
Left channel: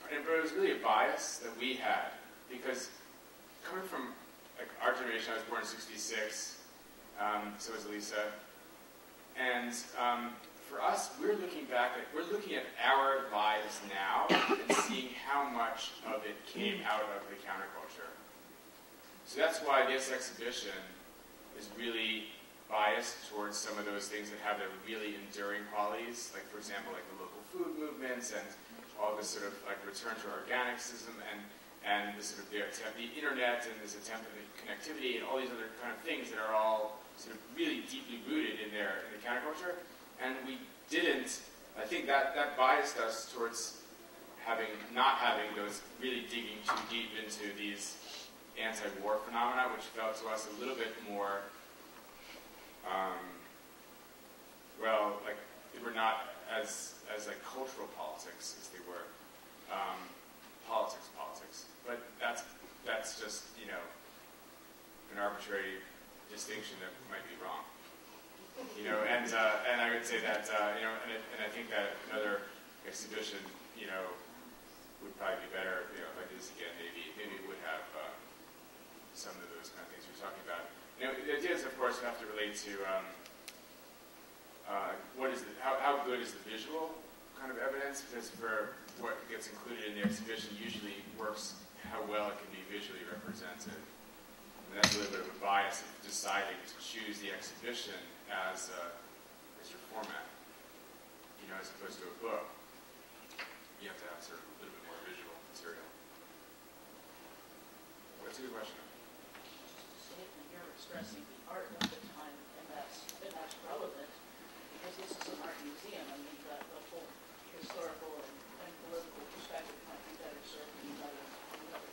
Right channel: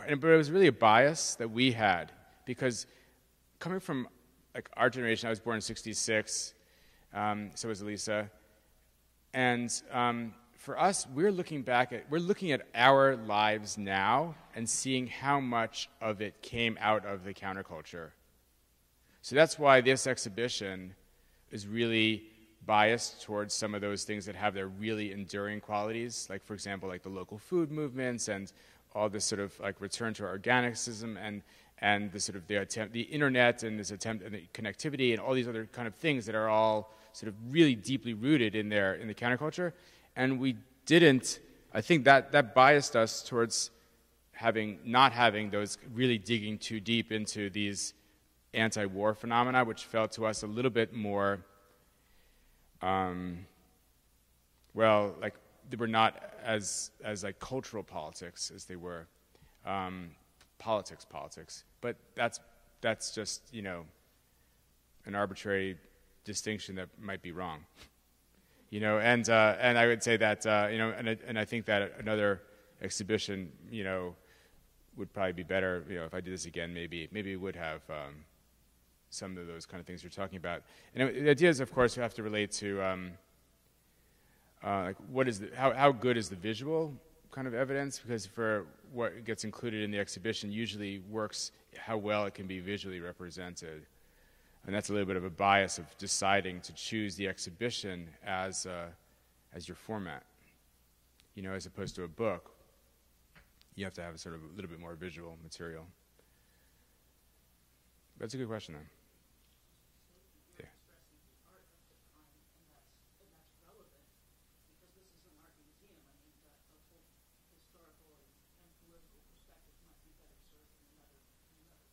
it was really a bias that we had, because coming from like our generation, I was born in '66. So was Lisa. And for us, we're looking at our lives now and seeing how much of it came out of the counterculture. So that's why this exhibition is really biased towards some of those things that have their really enduring qualities, like, for example, like the local food movements and all this sort of like return to organicism and the sort of the internet and this attempt and the connectivity and all these other kind of things that are all sort of really deeply rooted in the counterculture. And we didn't I think that biased us towards not having those really digging too deep into these anti-war phenomena, which felt to us a little bit more, like they were not as like cultural politics as they were politics. But that's just, you know, an arbitrary distinction that might be wrong. You know, and I would say that you know, and I think that another exhibition, you know, would probably be better. You know, if I did this again, maybe it would have some of those kind of things you're talking about. And the ideas, of course, have to relate to how good is the visual kind of evidence, because for what gets included in the exhibition usually works how well it can be visually represented. And that's a little bit of a bias of deciding to choose the exhibition as your format, you know, as opposed to a book. You have to have sort of a little bit more visual material. That's a good question. You're expressing the art of the time, and that's relevant because this is an art museum. I mean, the whole historical and political perspective might be better served in another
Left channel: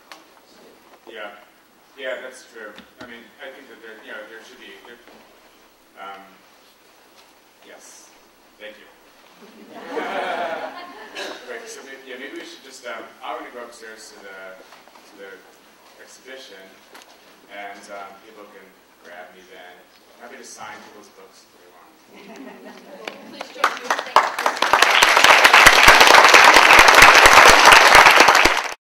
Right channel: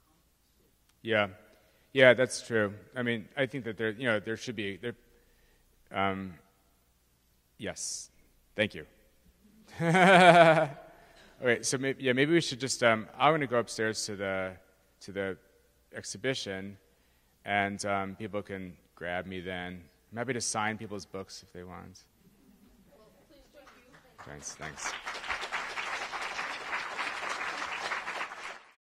context too. Yeah. Yeah, that's true. I mean, I think that there should be. Yes, thank you. Wait, so maybe we should just. I want to go upstairs to the exhibition, and people can grab me then. I'm happy to sign people's books if they want. Please join me. Thank you.